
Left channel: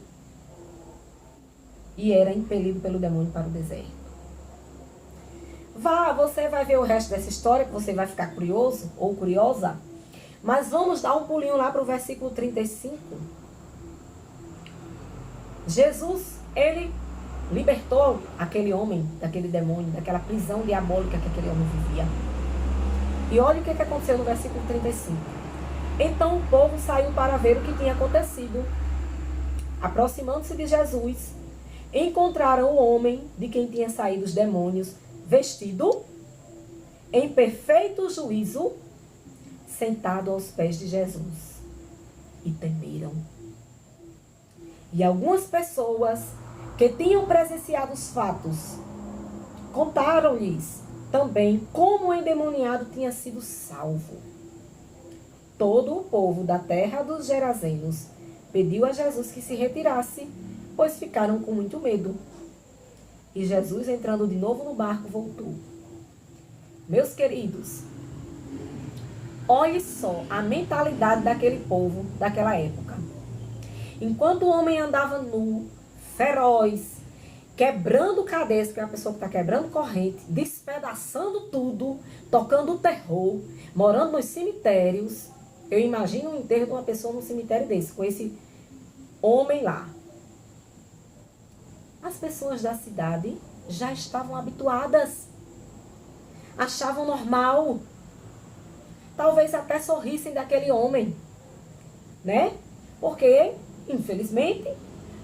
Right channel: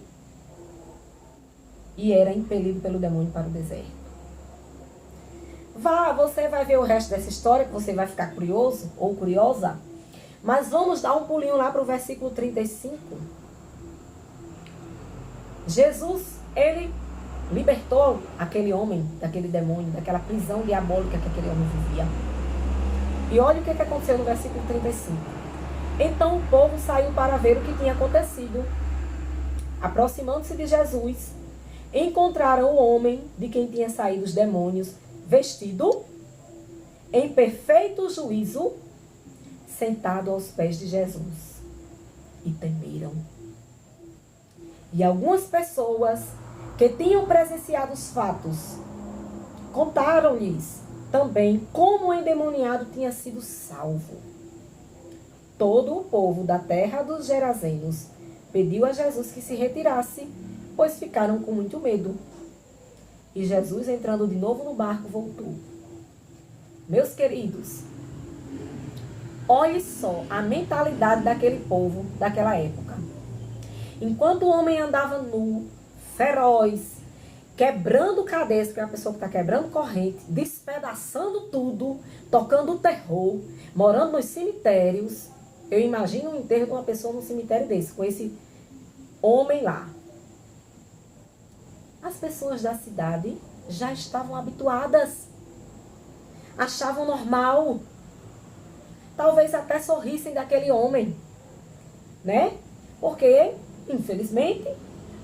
E era impelido pelo demônio para o deserto. Você vai ver o resto dessa história, que você vai ficar curioso ou curiosa. Mas vamos dar um pulinho lá para o versículo 35. Jesus, ele libertou aquele homem daquele demônio, daquela prisão diabólica que aquele homem vivia. E olha o que aconteceu no versículo 35. Então o povo saiu para ver o que tinha acontecido. Aproximando-se de Jesus, encontraram o homem de quem tinha saído os demônios, vestido em perfeito juízo, sentado aos pés de Jesus. E temeram. E algumas pessoas que tinham presenciado os fatos contaram-lhes também como o endemoniado tinha sido salvo. Todo o povo da terra dos Gerazenos pediu a Jesus que se retirasse, pois ficaram com muito medo. E Jesus, entrando de novo no barco, voltou. Meus queridos, olhe só a mentalidade daquele povo daquela época. Enquanto o homem andava nu, feroz, quebrando cadeias, porque é uma pessoa que está quebrando corrente, despedaçando tudo, tocando o terror, morando nos cemitérios. Eu imagino o enterro de uma pessoa num cemitério desse, com esse homem lá. As pessoas da cidade já estavam habituadas, achavam normal, talvez até sorrissem daquele homem, né? Porque, infelizmente,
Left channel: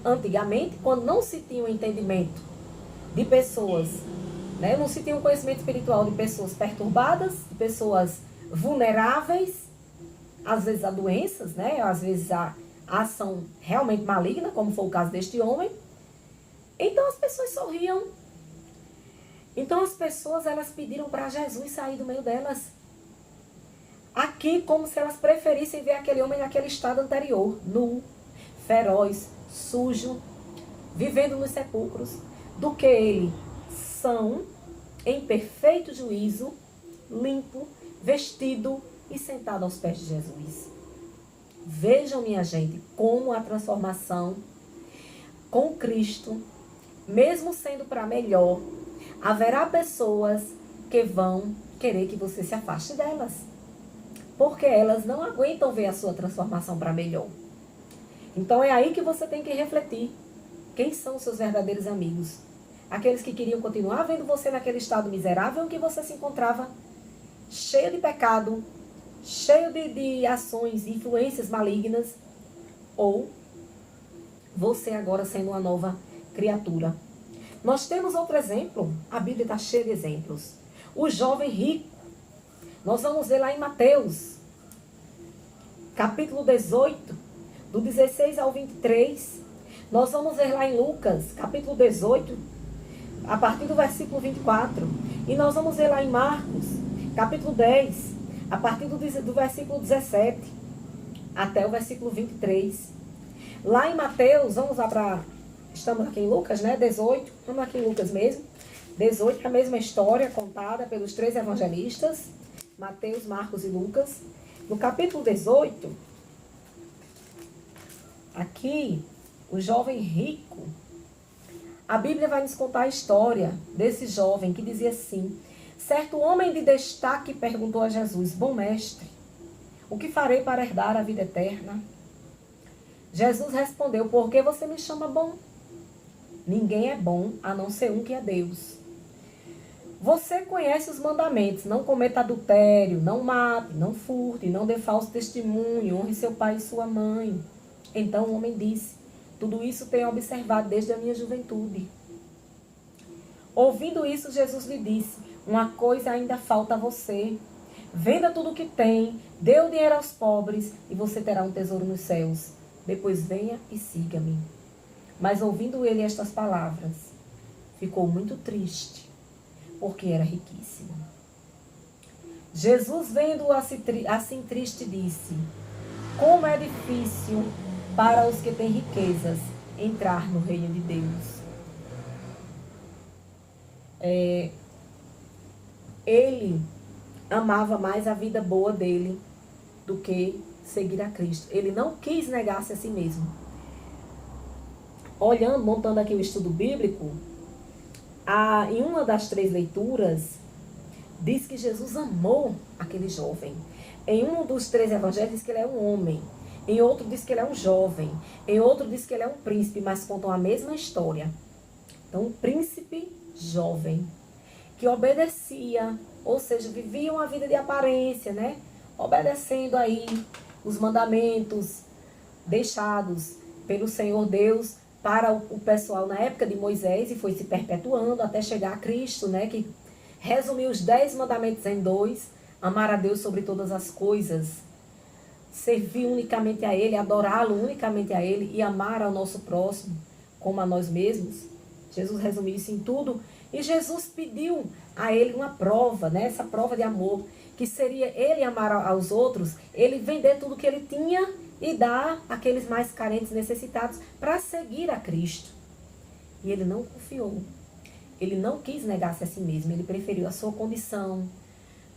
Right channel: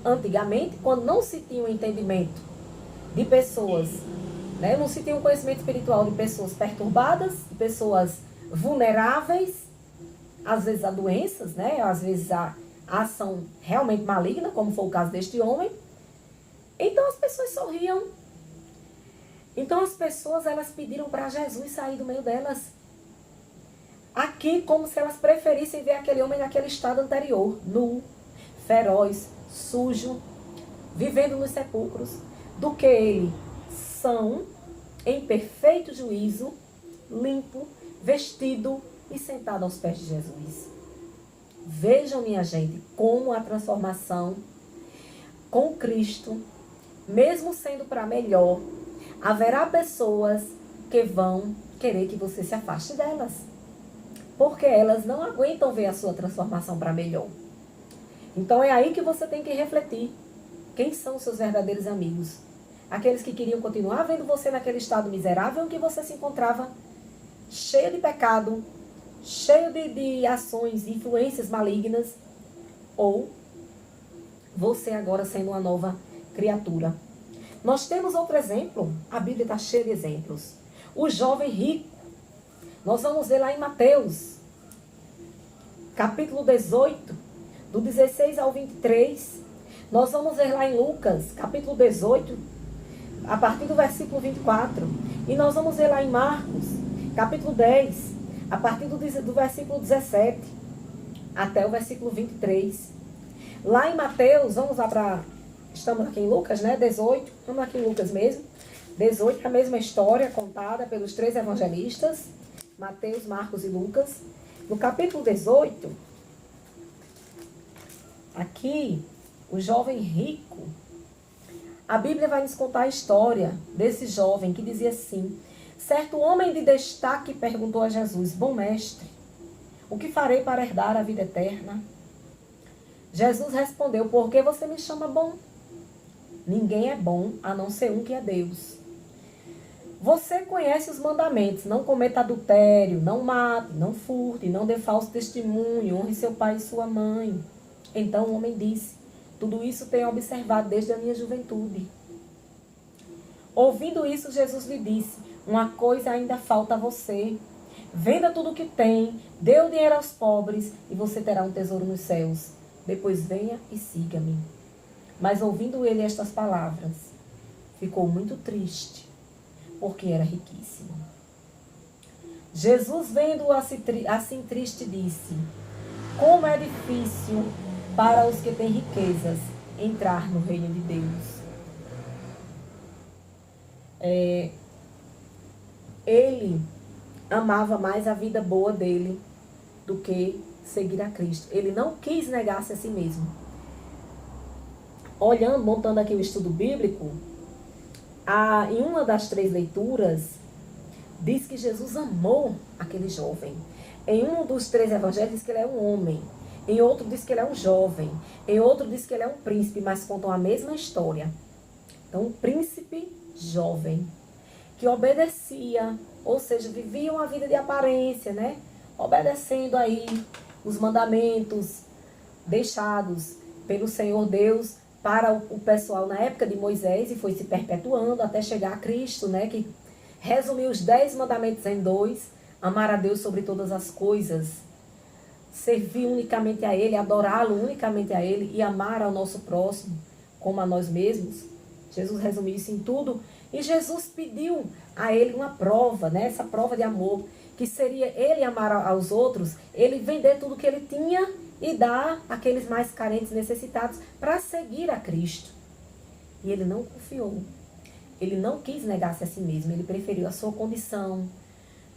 antigamente, quando não se tinha um entendimento de pessoas, né, não se tinha um conhecimento espiritual de pessoas perturbadas, de pessoas vulneráveis, às vezes a doenças, né, às vezes a ação realmente maligna, como foi o caso deste homem, então as pessoas sorriam. Então as pessoas, elas pediram para Jesus sair do meio delas. Aqui, como se elas preferissem ver aquele homem naquele estado anterior, nu, feroz, sujo, vivendo nos sepulcros, do que ele são, em perfeito juízo, limpo, vestido e sentado aos pés de Jesus. Vejam, minha gente, como a transformação com Cristo, mesmo sendo para melhor, haverá pessoas que vão querer que você se afaste delas, porque elas não aguentam ver a sua transformação para melhor. Então é aí que você tem que refletir. Quem são os seus verdadeiros amigos? Aqueles que queriam continuar vendo você naquele estado miserável em que você se encontrava, cheio de pecado, cheio de ações, influências malignas, ou você agora sendo uma nova criatura. Nós temos outro exemplo, a Bíblia está cheia de exemplos. O jovem rico, nós vamos ver lá em Mateus, capítulo 18, do 16 ao 23. Nós vamos ver lá em Lucas, capítulo 18, a partir do versículo 24. E nós vamos ver lá em Marcos, capítulo 10, a partir do versículo 17 até o versículo 23. Lá em Mateus, vamos lá para... Estamos aqui em Lucas, né? 18. Vamos aqui em Lucas mesmo. 18 é a mesma história contada pelos três evangelistas, Mateus, Marcos e Lucas. No capítulo 18, aqui, o jovem rico, a Bíblia vai nos contar a história desse jovem que dizia assim: certo homem de destaque perguntou a Jesus: bom mestre, o que farei para herdar a vida eterna? Jesus respondeu: por que você me chama bom? Ninguém é bom a não ser um que é Deus. Você conhece os mandamentos: não cometa adultério, não mate, não furte, não dê falso testemunho, honre seu pai e sua mãe. Então o homem disse: tudo isso tenho observado desde a minha juventude. Ouvindo isso, Jesus lhe disse: uma coisa ainda falta a você. Venda tudo o que tem, dê o dinheiro aos pobres e você terá um tesouro nos céus. Depois venha e siga-me. Mas ouvindo ele estas palavras, ficou muito triste, porque era riquíssimo. Jesus, vendo-o assim triste, disse: como é difícil para os que têm riquezas entrar no reino de Deus. Ele amava mais a vida boa dele do que seguir a Cristo. Ele não quis negar-se a si mesmo. Olhando, montando aqui o estudo bíblico, em uma das três leituras, diz que Jesus amou aquele jovem. Em um dos três evangelhos diz que ele é um homem. Em outro diz que ele é um jovem. Em outro diz que ele é um príncipe, mas contam a mesma história. Então, um príncipe jovem, que obedecia, ou seja, vivia uma vida de aparência, né? Obedecendo aí os mandamentos deixados pelo Senhor Deus para o pessoal na época de Moisés, e foi se perpetuando até chegar a Cristo, né? Que resumiu os 10 mandamentos em 2, amar a Deus sobre todas as coisas, servir unicamente a Ele, adorá-lo unicamente a Ele e amar ao nosso próximo como a nós mesmos. Jesus resumiu isso em tudo. E Jesus pediu a ele uma prova, né? Essa prova de amor, que seria ele amar aos outros, ele vender tudo que ele tinha e dar àqueles mais carentes, necessitados, para seguir a Cristo. E ele não confiou. Ele não quis negar-se a si mesmo. Ele preferiu a sua condição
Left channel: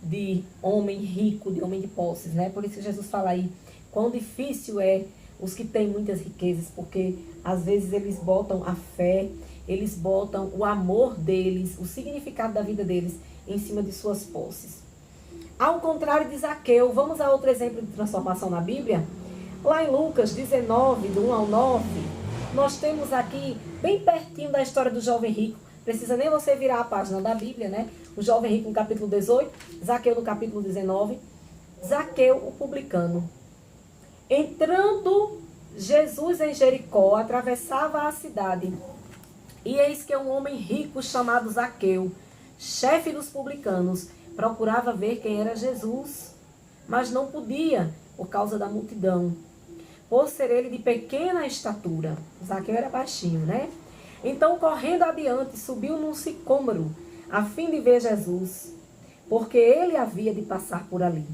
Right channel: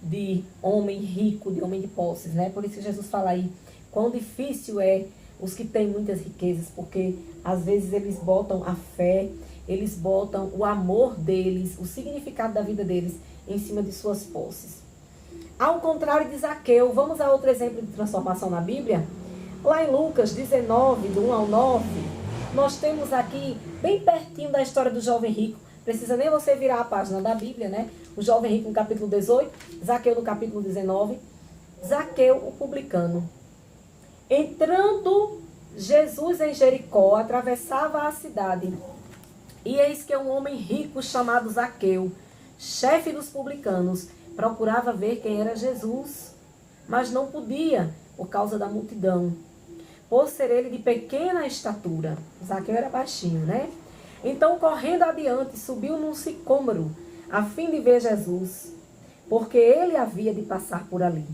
de homem rico, de homem de posses, né? Por isso que Jesus fala aí, quão difícil é os que têm muitas riquezas, porque às vezes eles botam a fé, eles botam o amor deles, o significado da vida deles em cima de suas posses. Ao contrário de Zaqueu, vamos a outro exemplo de transformação na Bíblia? Lá em Lucas 19, do 1 ao 9, nós temos aqui, bem pertinho da história do jovem rico, precisa nem você virar a página da Bíblia, né? O jovem rico no capítulo 18, Zaqueu no capítulo 19. Zaqueu, o publicano. Entrando Jesus em Jericó, atravessava a cidade. E eis que um homem rico chamado Zaqueu, chefe dos publicanos, procurava ver quem era Jesus, mas não podia, por causa da multidão, por ser ele de pequena estatura. Zaqueu era baixinho, né? Então, correndo adiante, subiu num sicômoro, a fim de ver Jesus, porque ele havia de passar por ali.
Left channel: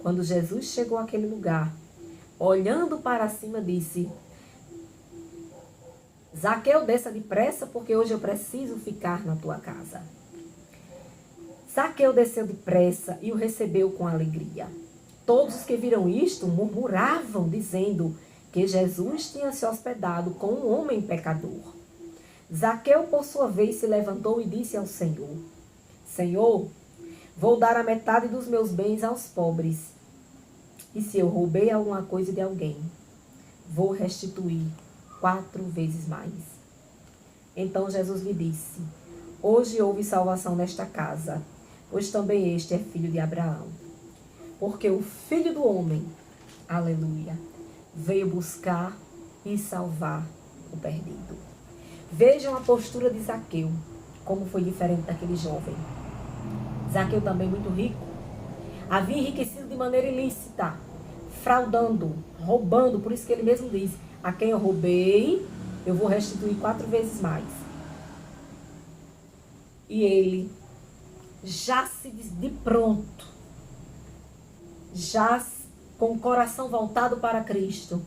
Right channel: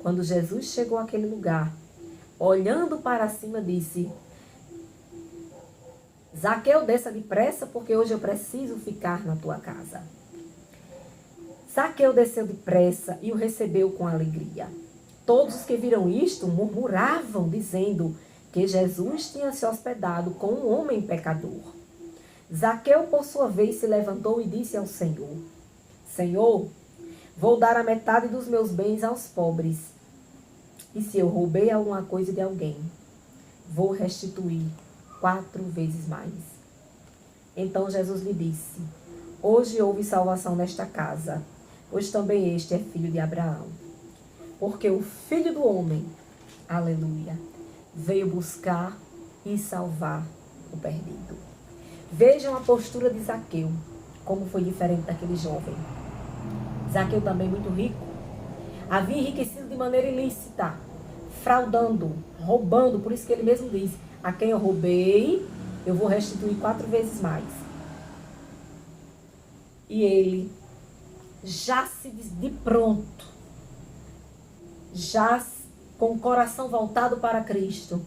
Quando Jesus chegou àquele lugar, olhando para cima, disse: Zaqueu, desça depressa, porque hoje eu preciso ficar na tua casa. Zaqueu desceu depressa e o recebeu com alegria. Todos os que viram isto murmuravam, dizendo que Jesus tinha se hospedado com um homem pecador. Zaqueu, por sua vez, se levantou e disse ao Senhor: Senhor, vou dar a metade dos meus bens aos pobres. E se eu roubei alguma coisa de alguém, vou restituir 4 vezes mais. Então Jesus lhe disse: Hoje houve salvação nesta casa, pois também este é filho de Abraão. Porque o Filho do Homem, aleluia, veio buscar e salvar o perdido. Vejam a postura de Zaqueu, como foi diferente daquele jovem. Zaqueu também muito rico, havia enriquecido de maneira ilícita, fraudando, roubando, por isso que ele mesmo diz: a quem eu roubei, eu vou restituir 4 vezes mais. E ele, já se de pronto, já com o coração voltado para Cristo,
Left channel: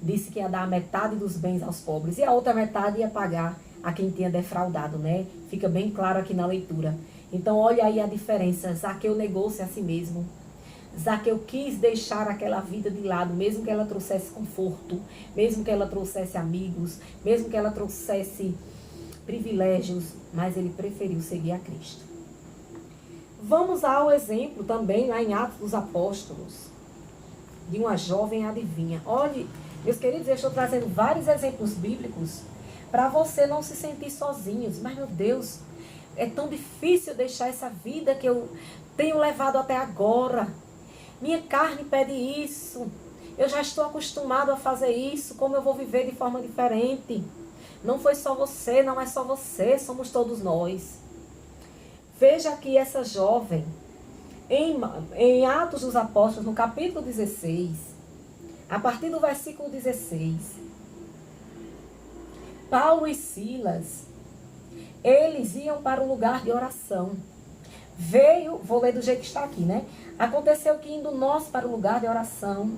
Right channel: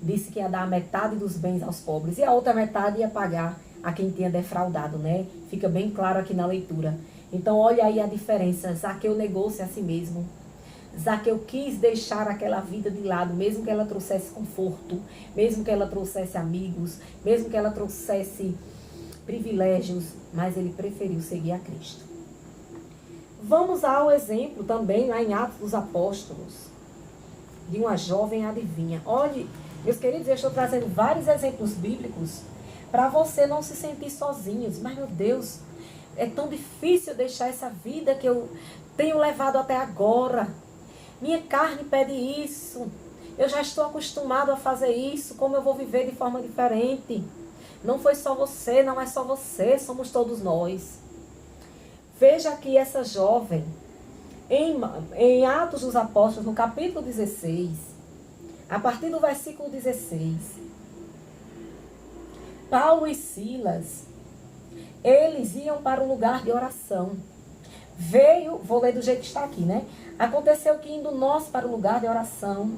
disse que ia dar a metade dos bens aos pobres e a outra metade ia pagar a quem tinha defraudado, né? Fica bem claro aqui na leitura. Então, olha aí a diferença. Zaqueu negou-se a si mesmo. Zaqueu quis deixar aquela vida de lado, mesmo que ela trouxesse conforto, mesmo que ela trouxesse amigos, mesmo que ela trouxesse privilégios, mas ele preferiu seguir a Cristo. Vamos ao exemplo também, lá em Atos dos Apóstolos, de uma jovem adivinha. Olhe, meus queridos, eu estou trazendo vários exemplos bíblicos para você não se sentir sozinhos. Mas, meu Deus, é tão difícil deixar essa vida que eu tenho levado até agora. Minha carne pede isso. Eu já estou acostumado a fazer isso. Como eu vou viver de forma diferente? Não foi só você, não é só você, somos todos nós. Veja aqui essa jovem, em Atos dos Apóstolos, no capítulo 16, a partir do versículo 16. Paulo e Silas, eles iam para o lugar de oração. Vou ler do jeito que está aqui, né? Aconteceu que indo nós para o lugar de oração,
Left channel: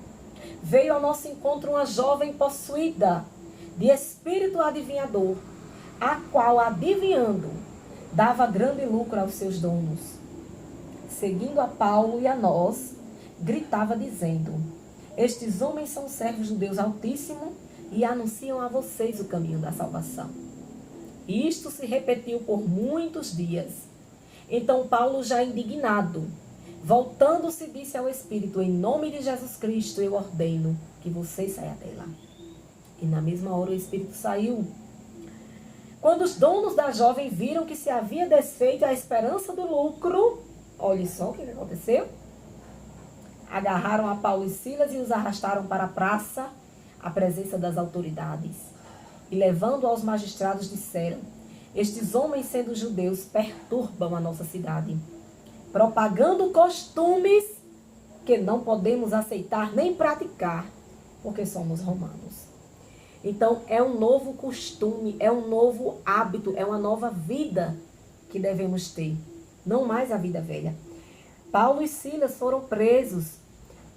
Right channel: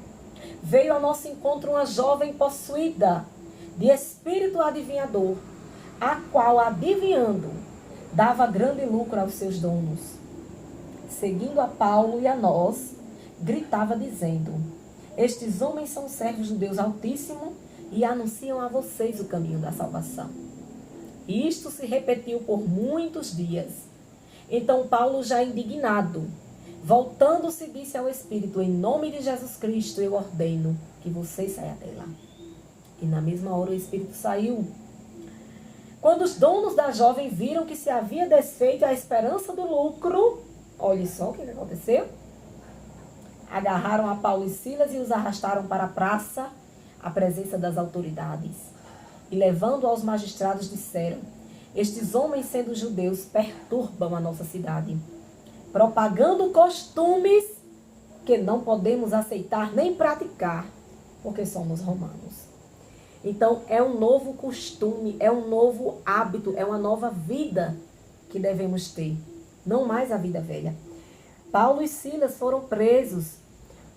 veio ao nosso encontro uma jovem possuída de espírito adivinhador, a qual, adivinhando, dava grande lucro aos seus donos. Seguindo a Paulo e a nós, gritava dizendo: Estes homens são servos do Deus Altíssimo e anunciam a vocês o caminho da salvação. E isto se repetiu por muitos dias. Então Paulo, já indignado, voltando-se, disse ao Espírito: Em nome de Jesus Cristo eu ordeno que vocês saiam dela. E na mesma hora o Espírito saiu. Quando os donos da jovem viram que se havia desfeito a esperança do lucro, olha só o que aconteceu. Agarraram a Paulo e Silas e os arrastaram para a praça, à presença das autoridades. E levando aos magistrados disseram: Estes homens, sendo judeus, perturbam a nossa cidade, propagando costumes que não podemos aceitar nem praticar, porque somos romanos. Então, é um novo costume, é um novo hábito, é uma nova vida que devemos ter. não mais a vida velha. Paulo e Silas foram presos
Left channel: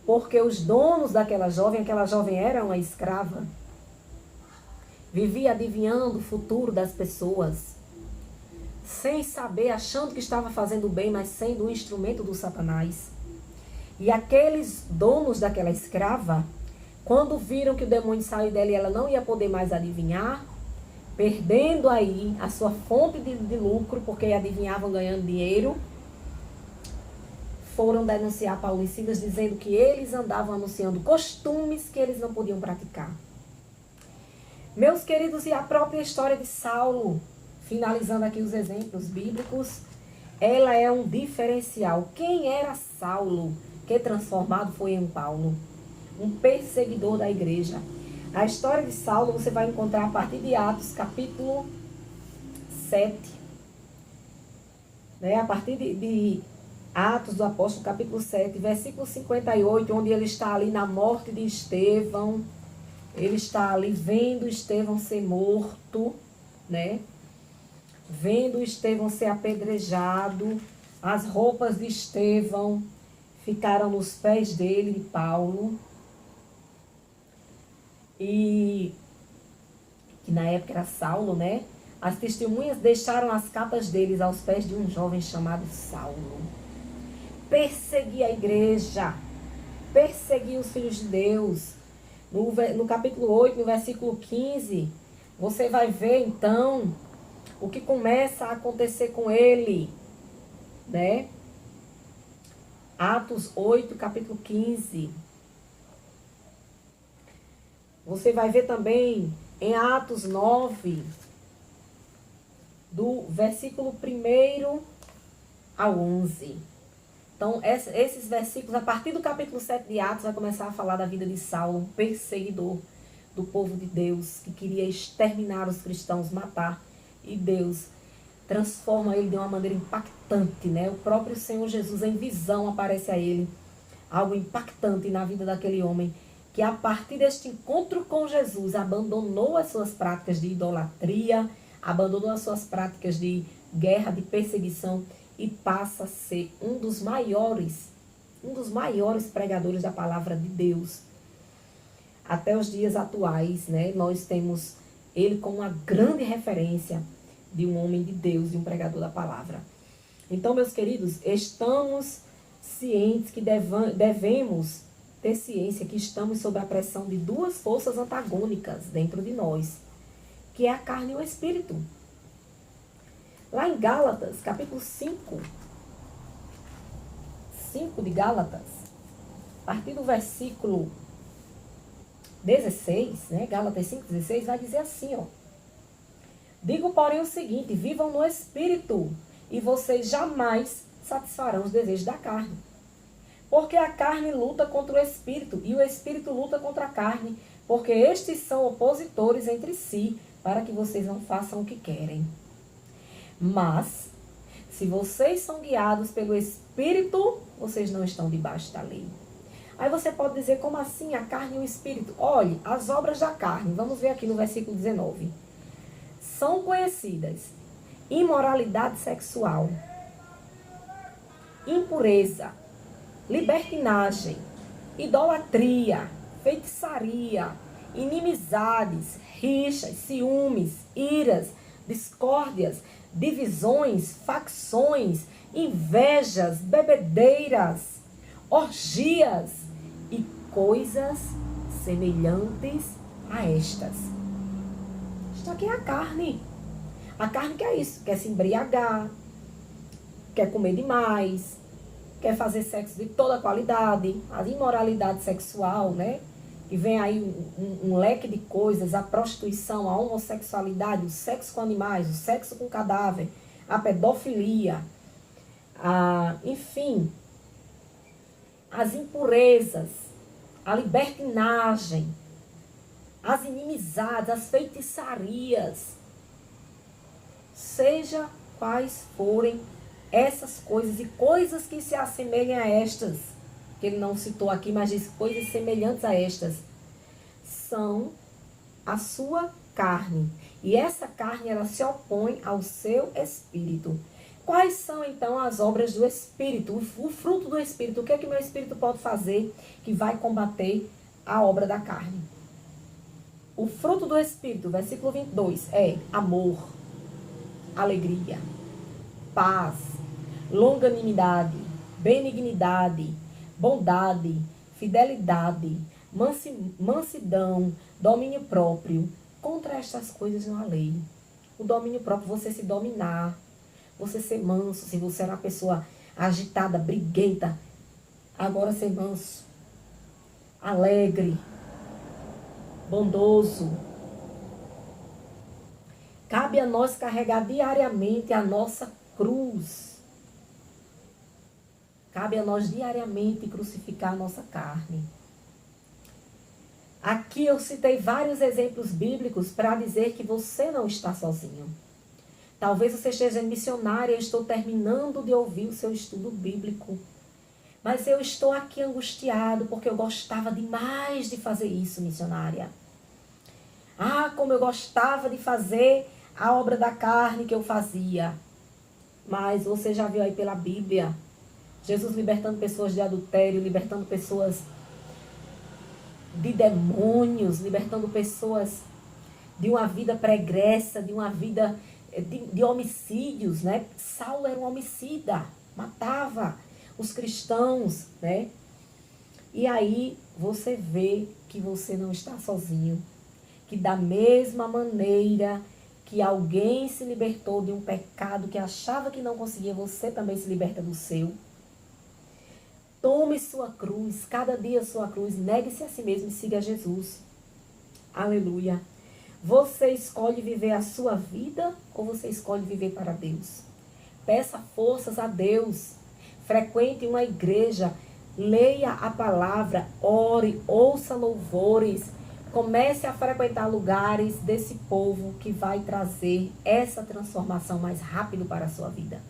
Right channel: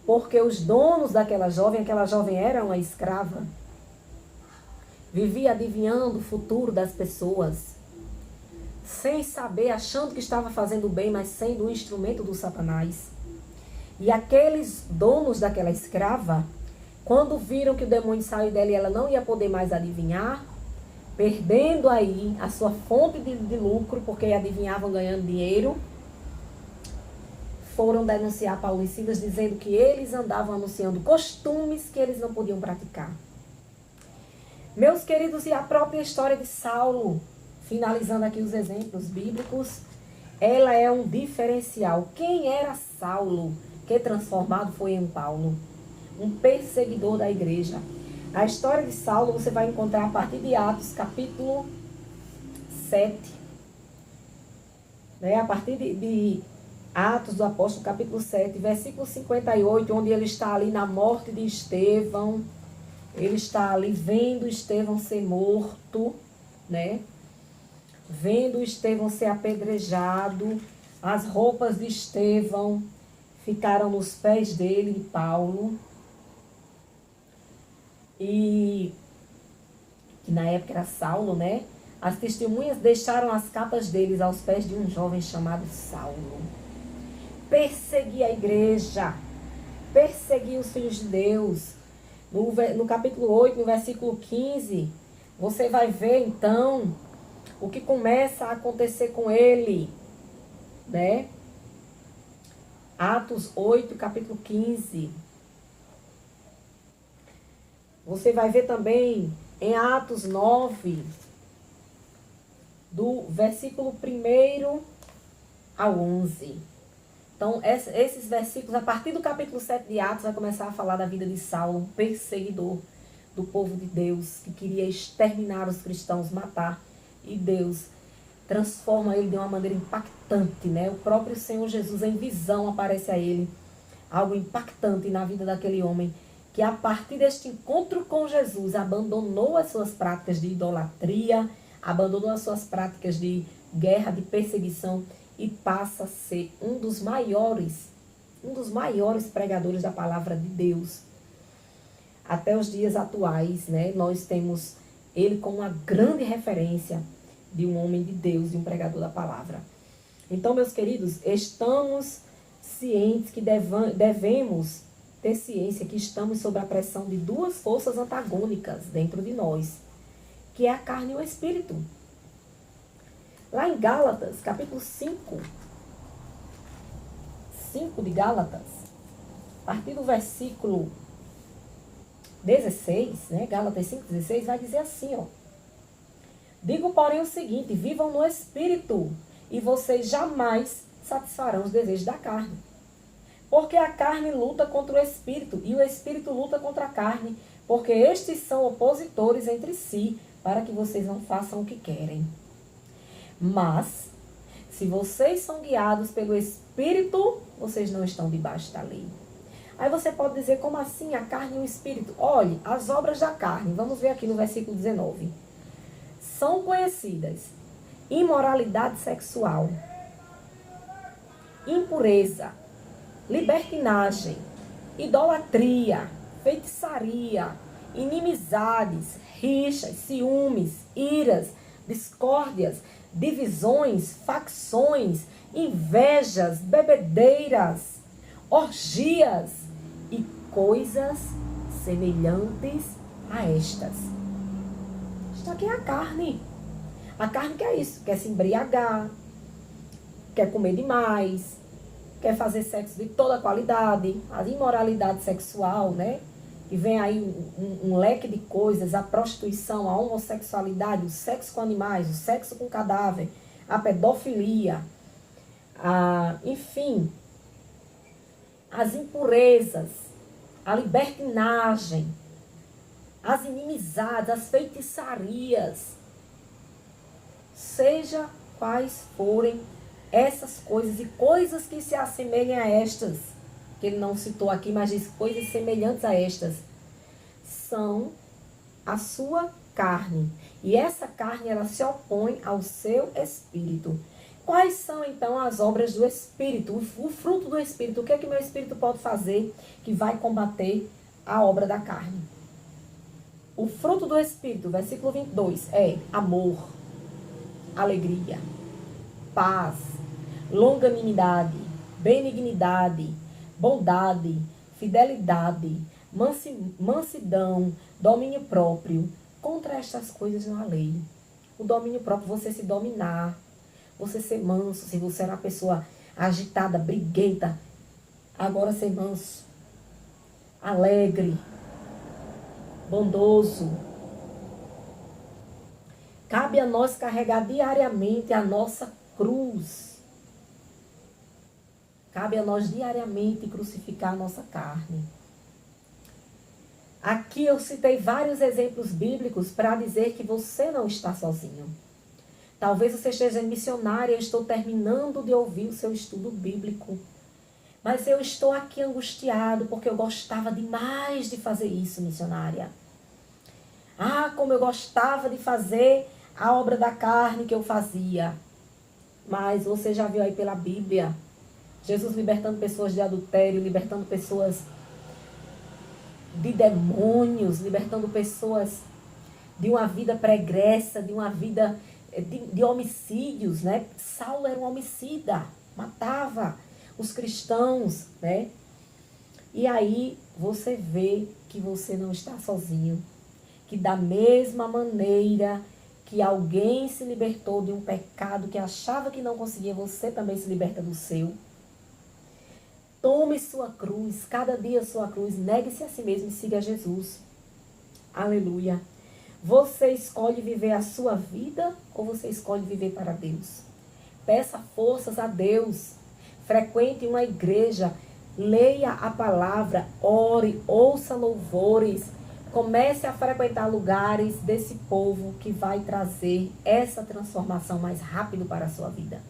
porque os donos daquela jovem, aquela jovem era uma escrava, vivia adivinhando o futuro das pessoas, sem saber, achando que estava fazendo bem, mas sendo um instrumento do Satanás. E aqueles donos daquela escrava, quando viram que o demônio saiu dela e ela não ia poder mais adivinhar, perdendo aí a sua fonte de lucro, porque adivinhavam ganhando dinheiro, foram denunciar Paulo e Silas, dizendo que eles andavam anunciando costumes que eles não podiam praticar. Meus queridos, e a própria história de Saulo, finalizando aqui os exemplos bíblicos, ela é um diferencial. Quem era Saulo, que transformado foi em Paulo? Um perseguidor da igreja. A história de Saulo você vai encontrar a partir de Atos, capítulo 7. A partir de Atos do Apóstolo, capítulo 7, versículo 58, onde ele está ali na morte de Estevão. Ele está ali vendo Estevão ser morto, né? Vendo Estevão ser apedrejado. As roupas de Estevão ficaram nos pés dele, de Paulo. E que na época era Saulo, né? As testemunhas deixaram as capas deles aos pés de um jovem chamado Saulo. Perseguia a igreja, perseguia os filhos de Deus. No capítulo 8, no versículo 15, você vai ver então o que começa a acontecer com ele, né? Atos 8, capítulo 15. Você vai ver também em Atos 9, do versículo 1 ao 11. Então, esses versículos, a partir do capítulo 7 de Atos, vai começar a falar da vida de Saulo, um perseguidor do povo de Deus, que queria exterminar os cristãos, matar. E Deus transforma ele de uma maneira impactante, né? O próprio Senhor Jesus, em visão, aparece a ele. Algo impactante na vida daquele homem, que a partir deste encontro com Jesus, abandonou as suas práticas de idolatria, abandonou as suas práticas de guerra, de perseguição, e passa a ser um dos maiores pregadores da palavra de Deus. Até os dias atuais, né, nós temos ele como uma grande referência de um homem de Deus, de um pregador da palavra. Então, meus queridos, estamos cientes que devemos ter ciência que estamos sob a pressão de duas forças antagônicas dentro de nós, que é a carne e o espírito. Lá em Gálatas, capítulo 5 de Gálatas, a partir do versículo 16, né, Gálatas 5:16, vai dizer assim, ó. Digo, porém, o seguinte, vivam no espírito, e vocês jamais satisfarão os desejos da carne. Porque a carne luta contra o espírito, e o espírito luta contra a carne, porque estes são opositores entre si, para que vocês não façam o que querem. Mas, se vocês são guiados pelo Espírito, vocês não estão debaixo da lei. Aí você pode dizer, como assim a carne e o Espírito? Olhe, as obras da carne, vamos ver aqui no versículo 19. São conhecidas: imoralidade sexual, impureza, libertinagem, idolatria, feitiçaria, inimizades, rixas, ciúmes, iras, discórdias, divisões, facções, invejas, bebedeiras, orgias e coisas semelhantes a estas. Isto aqui é a carne. A carne quer isso, quer se embriagar, quer comer demais, quer fazer sexo de toda qualidade, a imoralidade sexual, né? E vem aí um leque de coisas, a prostituição, a homossexualidade, o sexo com animais, o sexo com cadáver, a pedofilia, enfim, as impurezas, a libertinagem, as inimizades, as feitiçarias, seja quais forem essas coisas e coisas que se assemelhem a estas, que ele não citou aqui, mas diz coisas semelhantes a estas, são a sua carne. E essa carne, ela se opõe ao seu espírito. Quais são, então, as obras do Espírito? O fruto do Espírito. O que é que meu Espírito pode fazer que vai combater a obra da carne? O fruto do Espírito, versículo 22, é amor, alegria, paz, longanimidade, benignidade, bondade, fidelidade, mansidão, domínio próprio. Contra estas coisas não há lei. O domínio próprio, você se dominar, você ser manso. Se você era uma pessoa agitada, briguenta, agora ser manso, alegre, bondoso. Cabe a nós carregar diariamente a nossa cruz. Cabe a nós diariamente crucificar a nossa carne. Aqui eu citei vários exemplos bíblicos para dizer que você não está sozinho. Talvez você esteja missionária, eu estou terminando de ouvir o seu estudo bíblico. Mas eu estou aqui angustiado porque eu gostava demais de fazer isso, missionária. Ah, como eu gostava de fazer a obra da carne que eu fazia. Mas você já viu aí pela Bíblia, Jesus libertando pessoas de adultério, libertando pessoas de demônios, libertando pessoas de uma vida pregressa, de uma vida de homicídios, né? Saulo era um homicida, matava os cristãos, né? E aí você vê que você não está sozinho, que da mesma maneira que alguém se libertou de um pecado que achava que não conseguia, você também se liberta do seu. Tome sua cruz, cada dia sua cruz, negue-se a si mesmo e siga Jesus. Aleluia. Você escolhe viver a sua vida ou você escolhe viver para Deus? Peça forças a Deus. Frequente uma igreja, leia a palavra, ore, ouça louvores. Comece a frequentar lugares desse povo que vai trazer essa transformação mais rápido para a sua vida.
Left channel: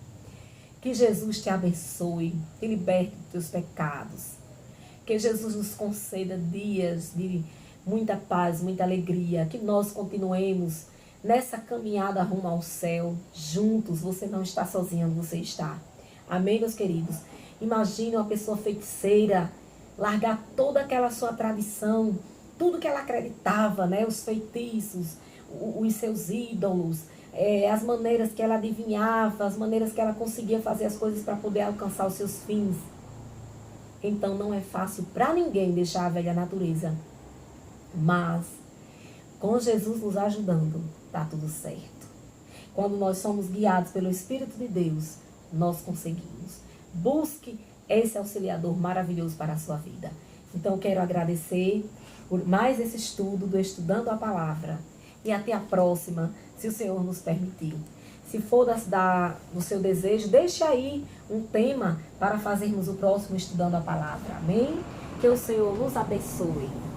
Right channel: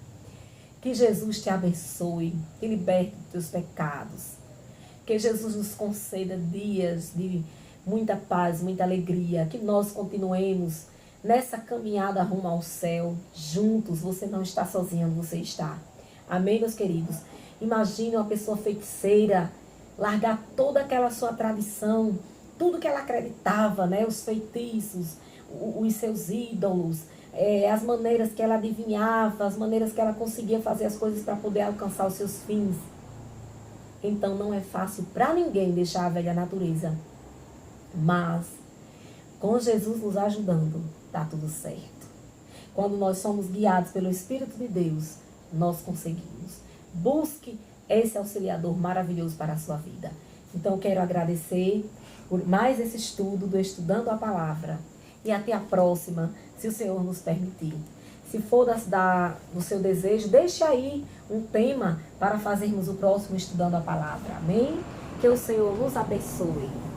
Que Jesus te abençoe, te liberte dos teus pecados. Que Jesus nos conceda dias de muita paz, muita alegria. Que nós continuemos nessa caminhada rumo ao céu, juntos. Você não está sozinho, você está. Amém, meus queridos? Imagine uma pessoa feiticeira largar toda aquela sua tradição, tudo que ela acreditava, né? Os feitiços, os seus ídolos, as maneiras que ela adivinhava, as maneiras que ela conseguia fazer as coisas para poder alcançar os seus fins. Então não é fácil para ninguém deixar a velha natureza. Mas com Jesus nos ajudando, está tudo certo. Quando nós somos guiados pelo Espírito de Deus, nós conseguimos. Busque esse auxiliador maravilhoso para a sua vida. Então eu quero agradecer por mais esse estudo do Estudando a Palavra. E até a próxima, se o Senhor nos permitir. Se for do seu desejo, deixe aí um tema para fazermos o próximo Estudando a Palavra. Amém? Que o Senhor nos abençoe.